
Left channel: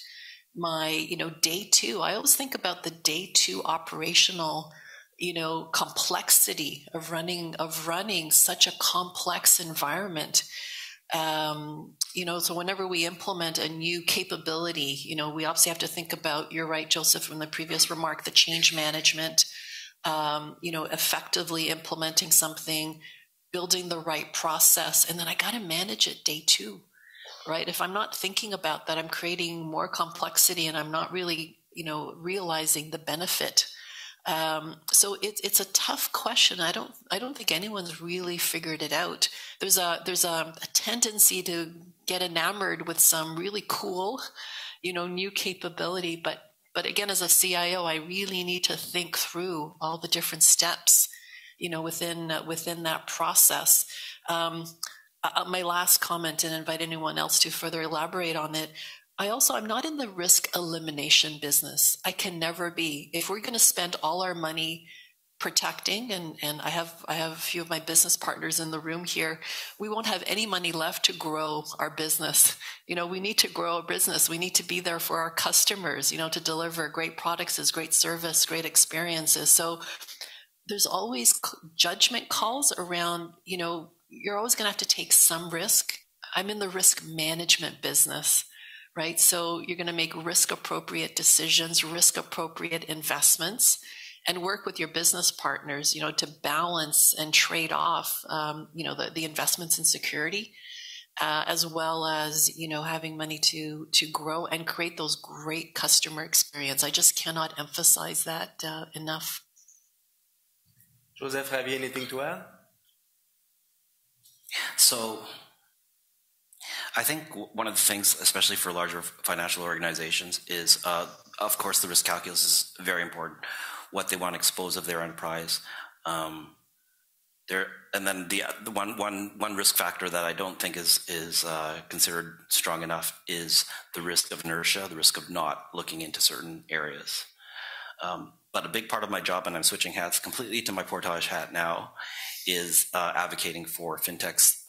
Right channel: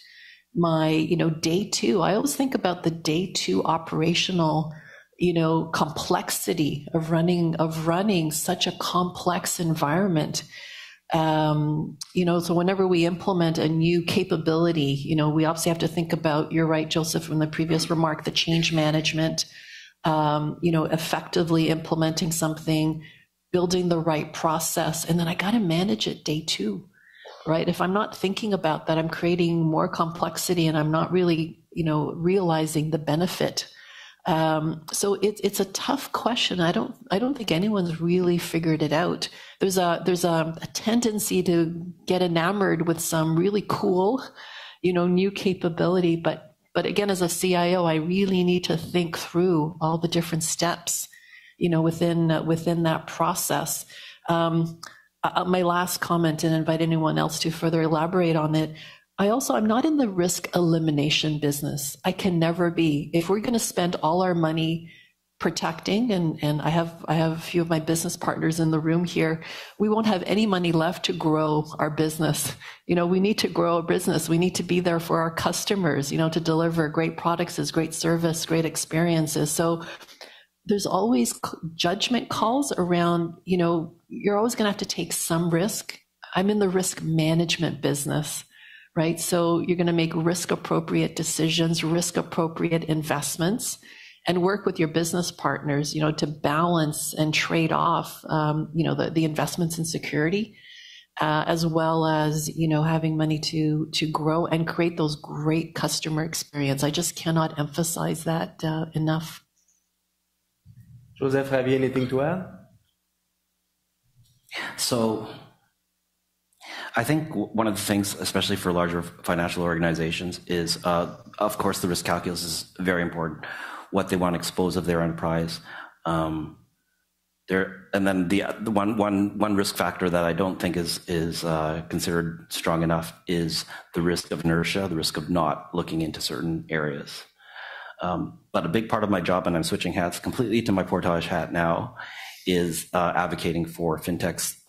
you know, day two. I always think about the day two operational, you know, complexity of running such a complex environment. You know, so whenever we implement a new capability, you know, we obviously have to think about, you're right, Joseph, from the previous remark, the change management, you know, effectively implementing something, building the right process, and then I got to manage it day two, right? If I'm not thinking about that, I'm creating more complexity and I'm not really, you know, realizing the benefit. So it's a tough question. I don't think anyone's really figured it out. There's a tendency to get enamored with some really cool, you know, new capability, but again, as a CIO, I really need to think through all the different steps, you know, within that process. My last comment, and invite anyone else to further elaborate on it. I'm not in the risk elimination business. I can never be. If we're going to spend all our money protecting, and I have a few of my business partners in the room here, we won't have any money left to grow our business. You know, we need to grow a business. We need to be there for our customers, you know, to deliver great products, as great service, great experiences. So there's always judgment calls around, you know, you're always going to have to take some risk. I'm in the risk management business, right? So you're going to make risk appropriate decisions, risk appropriate investments, and work with your business partners, you know, to balance and trade off, you know, the investments in security, as well as, you know, having money to grow and create those great customer experience. I just cannot emphasize that enough. Joseph, have you anything to add? So I think one of the things, especially for larger financial organizations, is, of course, the risk calculus is very important. What they want to expose of their enterprise. And then the one risk factor that I don't think is considered strong enough is the risk of inertia, the risk of not looking into certain areas. But a big part of my job, and I'm switching hats completely to my portage hat now, is advocating for fintechs.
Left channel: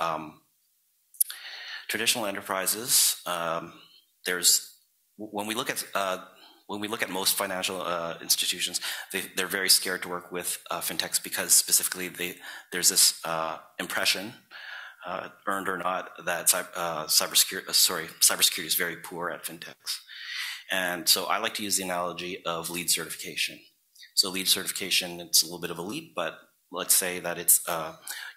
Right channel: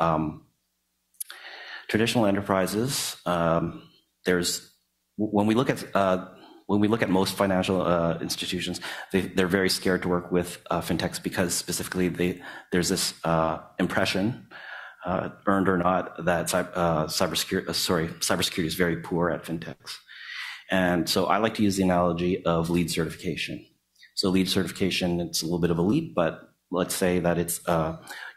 Traditional enterprises. When we look at most financial institutions, they're very scared to work with fintechs because specifically there's this impression, earned or not, that cybersecurity is very poor at fintechs. And so I like to use the analogy of LEED certification. So LEED certification, it's a little bit of a leap, but let's say that it's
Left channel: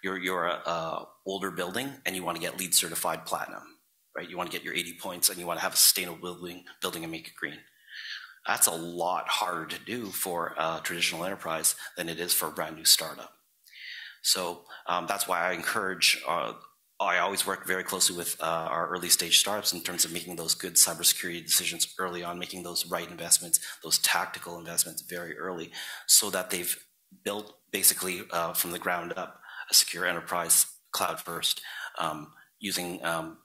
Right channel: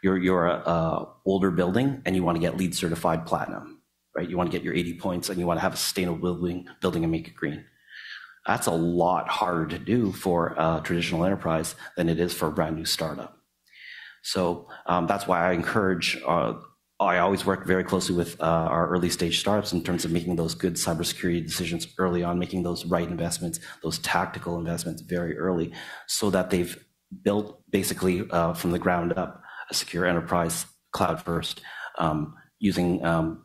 you're a older building and you want to get LEED certified platinum, right? You want to get your 80 points and you want to have a sustainable building and make it green. That's a lot harder to do for a traditional enterprise than it is for a brand new startup. So that's why I encourage, I always work very closely with our early stage startups in terms of making those good cybersecurity decisions early on, making those right investments, those tactical investments very early, so that they've built basically from the ground up a secure enterprise cloud first, using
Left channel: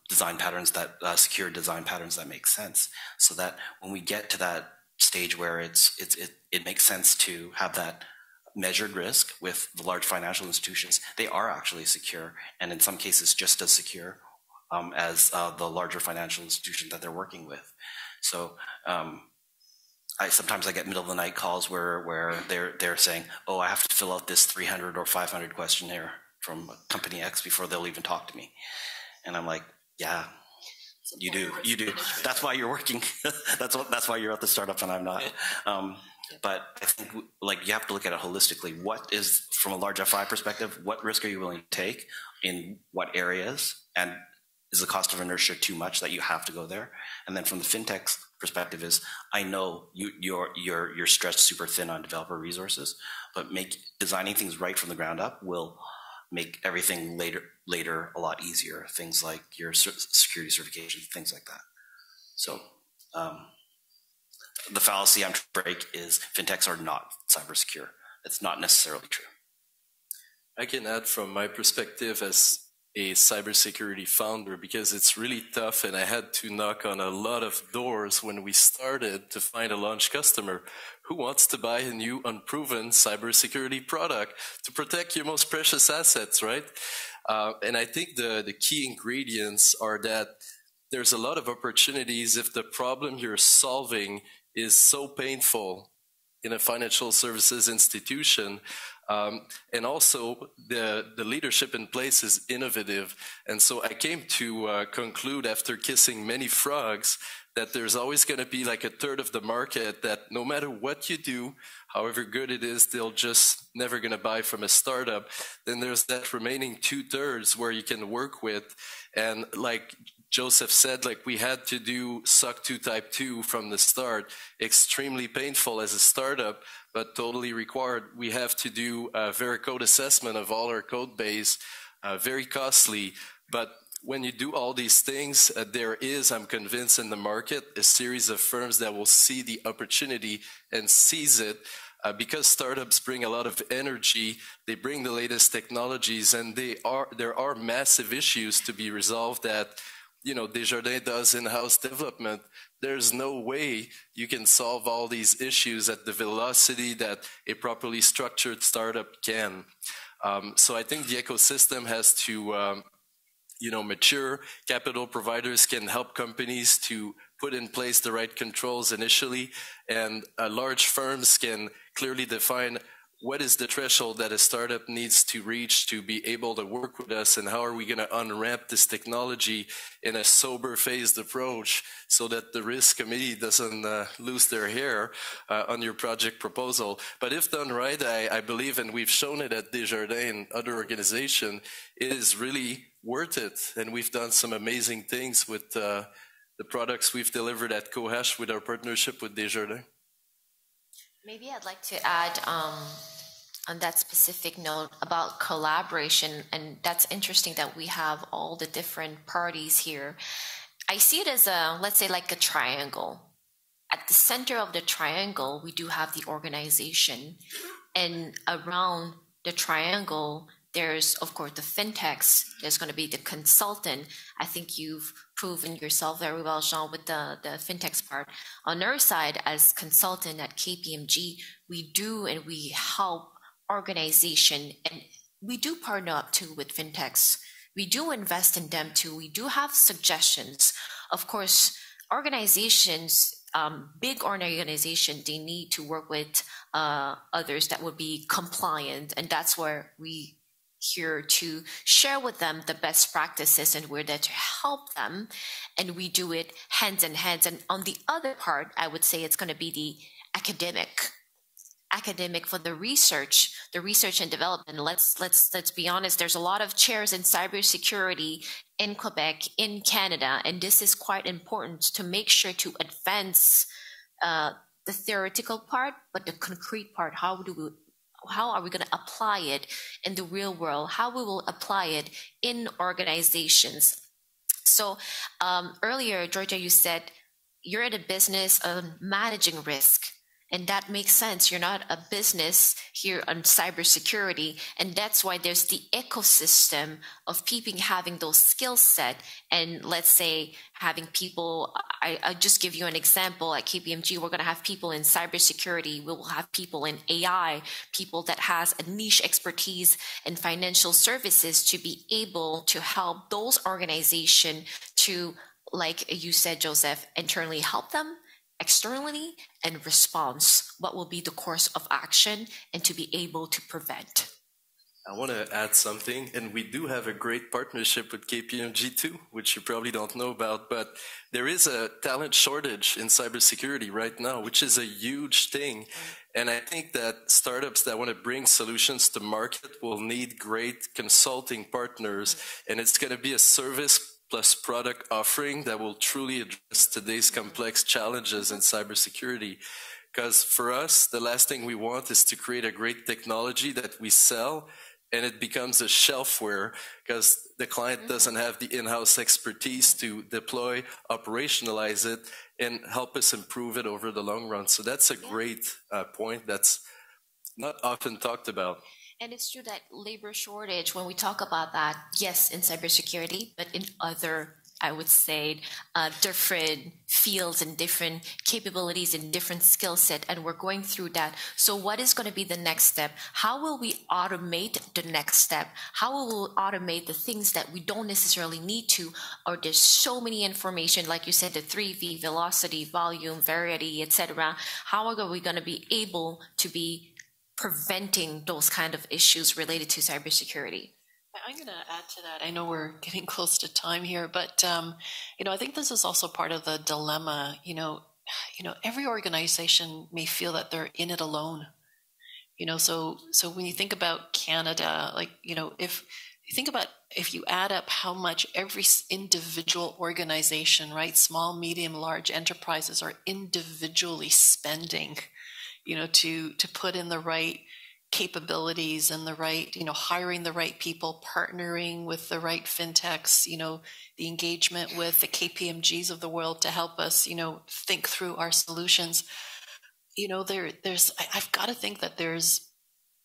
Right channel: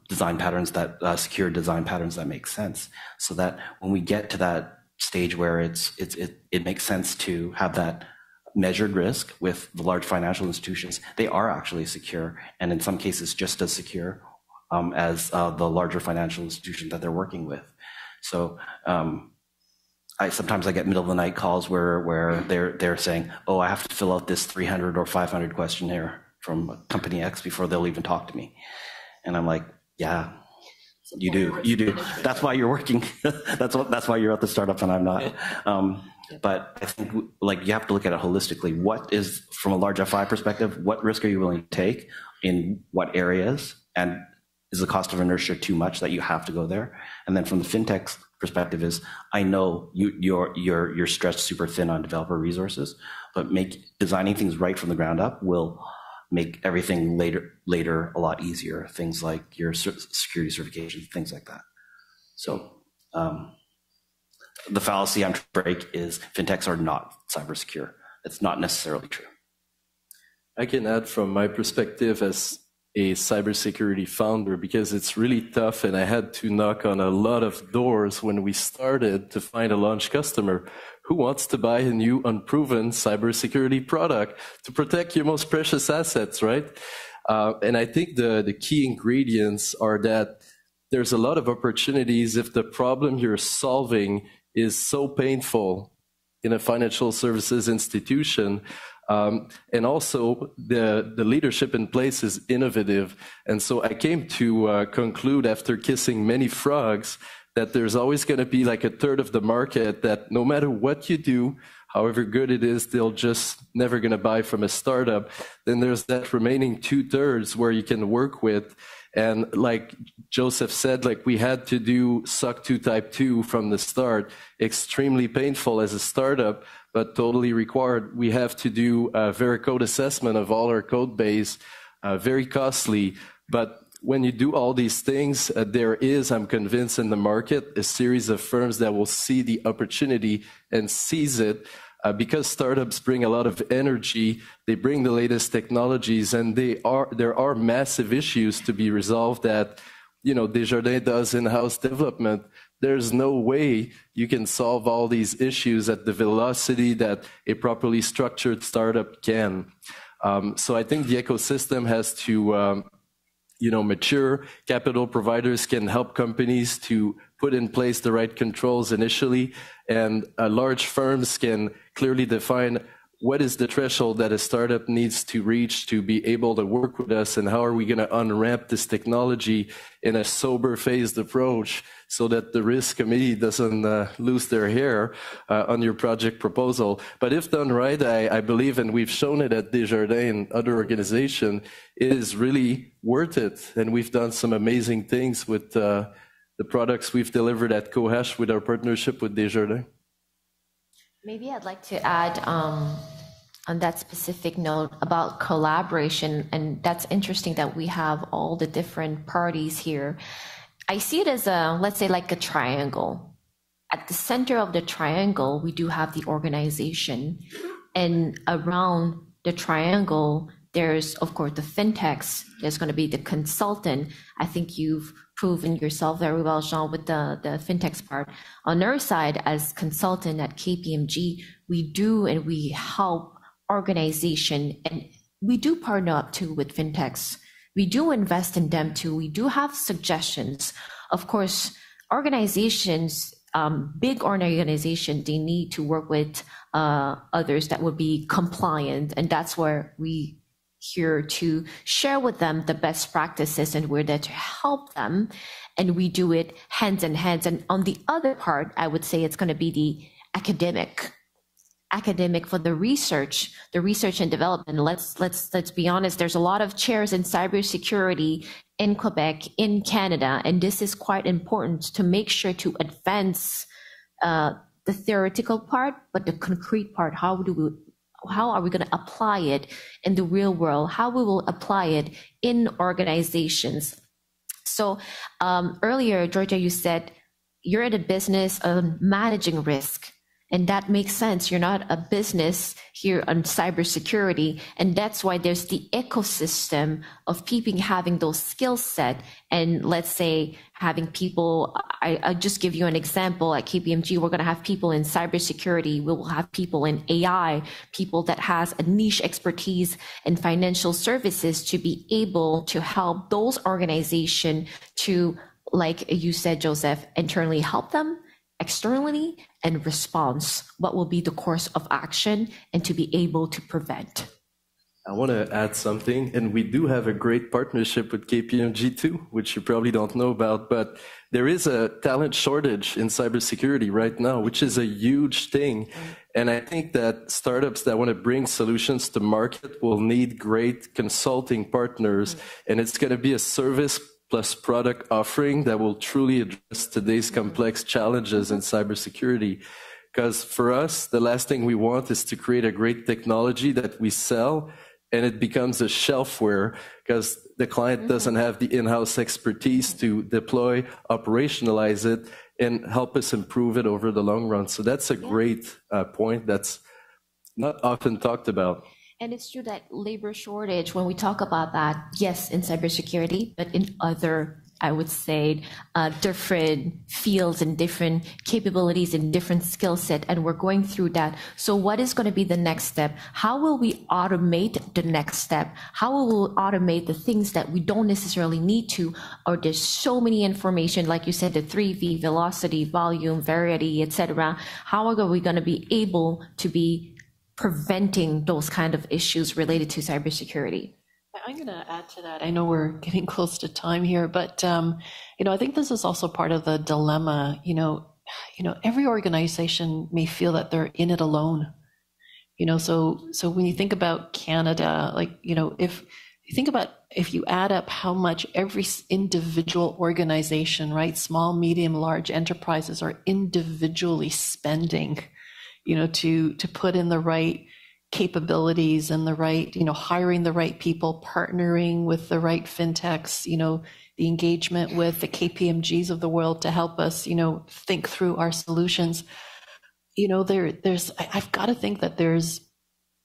design patterns that secure design patterns that make sense, so that when we get to that stage where it makes sense to have that measured risk with the large financial institutions, they are actually secure, and in some cases just as secure as the larger financial institution that they're working with. So sometimes I get middle of the night calls where they're saying, oh, I have to fill out this 300 or 500 questionnaire from company X before they'll even talk to me. And I'm like, yeah, you do. That's why you're working. that's why you're at the startup and I'm not. But I think you have to look at it holistically. What is, from a large FI perspective, what risk are you willing to take in what areas? And is the cost of inertia too much that you have to go there? And then from the fintech's perspective is, I know you're stretched super thin on developer resources, but designing things right from the ground up will make everything later a lot easier. Things like your security certifications, things like that. So the fallacy I'm trying to break is fintechs are not cyber secure. It's not necessarily true. I can add from my perspective as a cybersecurity founder, because it's really tough, and I had to knock on a lot of doors when we started to find a launch customer who wants to buy a new unproven cybersecurity product to protect your most precious assets, right? And I think the key ingredients are that there's a lot of opportunities if the problem you're solving is so painful in a financial services institution. And also the leadership in place is innovative. And so I came to conclude after kissing many frogs that there's always going to be like a third of the market that no matter what you do, however good it is, they'll just never going to buy from a startup. Then there's that remaining 2/3 where you can work with. And like Joseph said, like we had to do SOC 2 Type 2 from the start, extremely painful as a startup, but totally required. We have to do a Veracode assessment of all our code base, very costly. But when you do all these things, there is, I'm convinced, in the market, a series of firms that will see the opportunity and seize it. Because startups bring a lot of energy, they bring the latest technologies, and there are massive issues to be resolved that, Desjardins does in-house development. There's no way you can solve all these issues at the velocity that a properly structured startup can. So I think the ecosystem has to mature. Capital providers can help companies to put in place the right controls initially, and large firms can clearly define what is the threshold that a startup needs to reach to be able to work with us, and how are we going to unwrap this technology in a sober phased approach so that the risk committee doesn't lose their hair on your project proposal. But if done right, I believe, and we've shown it at Desjardins and other organizations, it is really worth it. And we've done some amazing things with the products we've delivered at Qohash with our partnership with Desjardins. Maybe I'd like to add on that specific note about collaboration, and that's interesting that we have all the different parties here. I see it as let's say like a triangle. At the center of the triangle, we do have the organization, and around the triangle, there's, of course, the fintechs. There's going to be the consultant. I think you've proven yourself very well, Jean, with the fintechs part. On our side, as consultant at KPMG, we do and we help organization, and we do partner up too with fintechs. We do invest in them too. We do have suggestions. Of course, organizations, big organizations, they need to work with others that would be compliant, and that's where we here to share with them the best practices, and we're there to help them, and we do it hands in hands. And on the other part, I would say it's going to be the academic for the research and development. Let's be honest, there's a lot of chairs in cybersecurity in Quebec, in Canada, and this is quite important to make sure to advance the theoretical part, but the concrete part, how are we going to apply it in the real world, how we will apply it in organizations. So earlier, Georgia, you said you're in a business of managing risk. And that makes sense. You're not a business here on cybersecurity. And that's why there's the ecosystem of people having those skill set. And let's say having people, I'll just give you an example. At KPMG, we're going to have people in cybersecurity. We will have people in AI, people that has a niche expertise in financial services to be able to help those organizations to, like you said, Joseph, internally help them, externally, and response, what will be the course of action, and to be able to prevent. I want to add something, and we do have a great partnership with KPMG too, which you probably don't know about, but there is a talent shortage in cybersecurity right now, which is a huge thing. And I think that startups that want to bring solutions to market will need great consulting partners, and it's going to be a service plus product offering that will truly address today's complex challenges in cybersecurity. Because for us, the last thing we want is to create a great technology that we sell and it becomes a shelfware because the client doesn't have the in-house expertise to deploy, operationalize it, and help us improve it over the long run. So that's a great point that's not often talked about. And it's true that labor shortage, when we talk about that, yes, in cybersecurity, but in other, I would say, different fields and different capabilities and different skill set, and we're going through that. So what is going to be the next step? How will we automate the next step? How will we automate the things that we don't necessarily need to, or there's so many information, like you said, the 3V, velocity, volume, variety, etc. How are we going to be able to be preventing those kind of issues related to cybersecurity? I'm going to add to that. I know we're getting close to time here, but I think this is also part of the dilemma. Every organization may feel that they're in it alone. So when you think about Canada, if you add up how much every individual organization, right, small, medium, large enterprises are individually spending, to put in the right capabilities and the right, hiring the right people, partnering with the right fintechs, the engagement with the KPMGs of the world to help us, think through our solutions. I've got to think that there's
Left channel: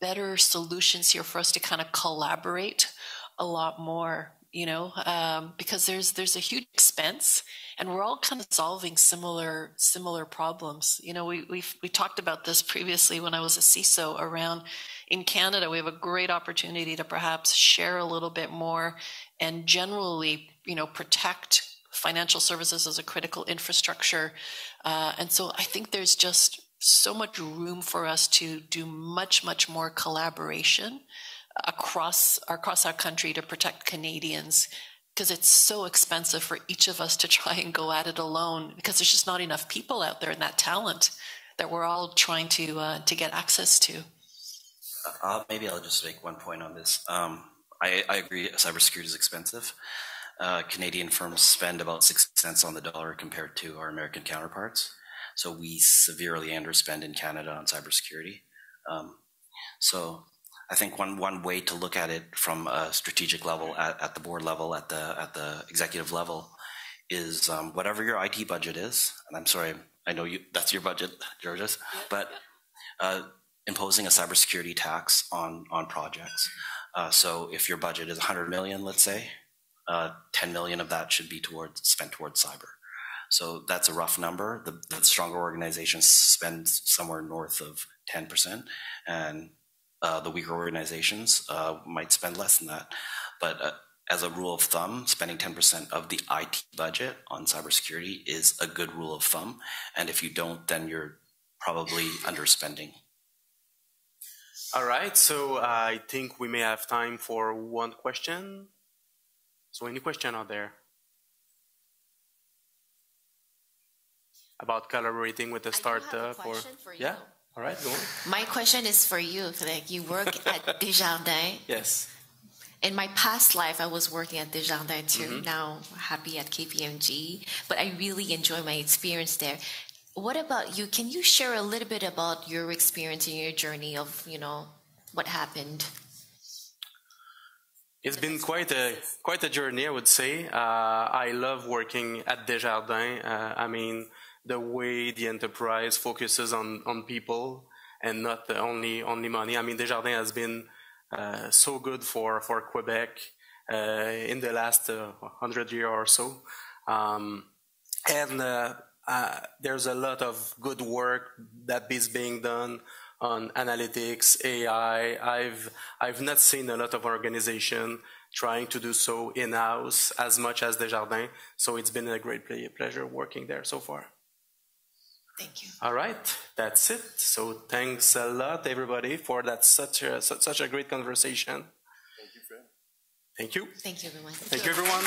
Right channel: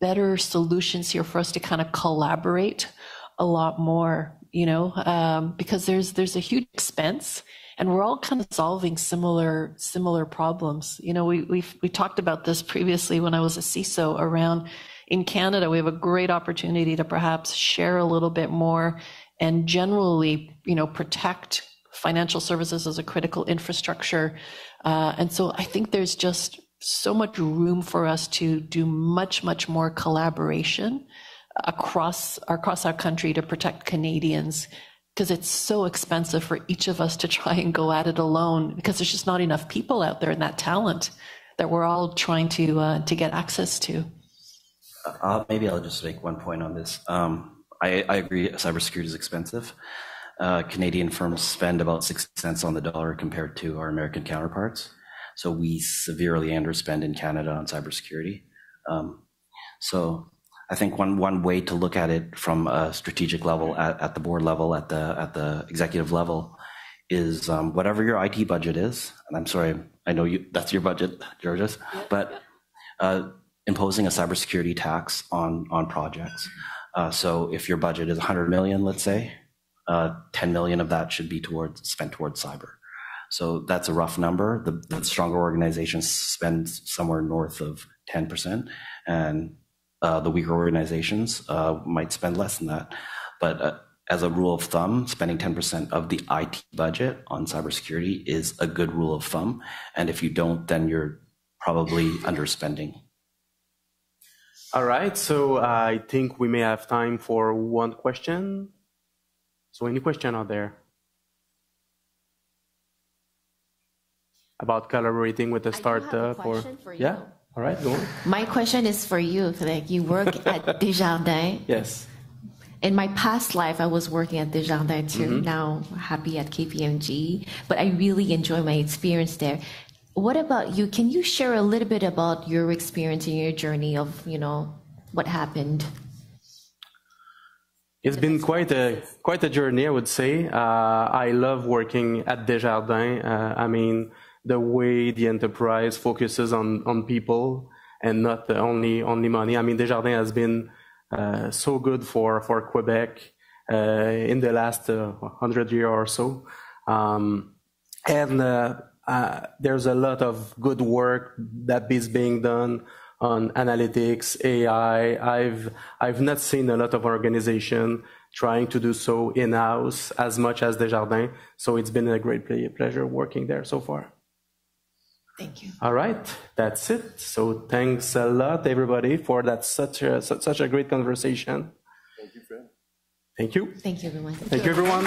better solutions here for us to kind of collaborate a lot more, because there's a huge expense. And we're all kind of solving similar problems. We talked about this previously when I was a CISO around in Canada. We have a great opportunity to perhaps share a little bit more and generally, protect financial services as a critical infrastructure. And so I think there's just so much room for us to do much, much more collaboration across our country to protect Canadians, because it's so expensive for each of us to try and go at it alone, because there's just not enough people out there and that talent that we're all trying to get access to. Maybe I'll just make one point on this. I agree, cybersecurity is expensive. Canadian firms spend about 60 cents on the dollar compared to our American counterparts. So we severely underspend in Canada on cybersecurity. So I think one way to look at it from a strategic level, at the board level, at the executive level, is whatever your IT budget is. And I'm sorry, I know that's your budget, Georges, but imposing a cybersecurity tax on projects. So if your budget is 100 million, let's say, 10 million of that should be spent towards cyber. So that's a rough number. The stronger organizations spend somewhere north of 10%, and the weaker organizations might spend less than that. But as a rule of thumb, spending 10% of the IT budget on cybersecurity is a good rule of thumb. And if you don't, then you're probably underspending. All right, so I think we may have time for one question. So any question out there about collaborating with a startup? I have a question for you. Yeah. All right, go on. My question is for you. Like, you work at Desjardins. Yes. In my past life, I was working at Desjardins too. Now happy at KPMG, but I really enjoy my experience there. What about you? Can you share a little bit about your experience and your journey of, what happened? It's been quite a journey, I would say. I love working at Desjardins. I mean, the way the enterprise focuses on people and not only money. I mean, Desjardins has been so good for Quebec in the last 100 years or so. There's a lot of good work that is being done on analytics, AI. I've not seen a lot of organization trying to do so in-house as much as Desjardins. So it's been a great pleasure working there so far. Thank you. All right, that's it. So thanks a lot, everybody, for that such a great conversation. Thank you, Fred. Thank you. Thank you, everyone. Thank you, everyone.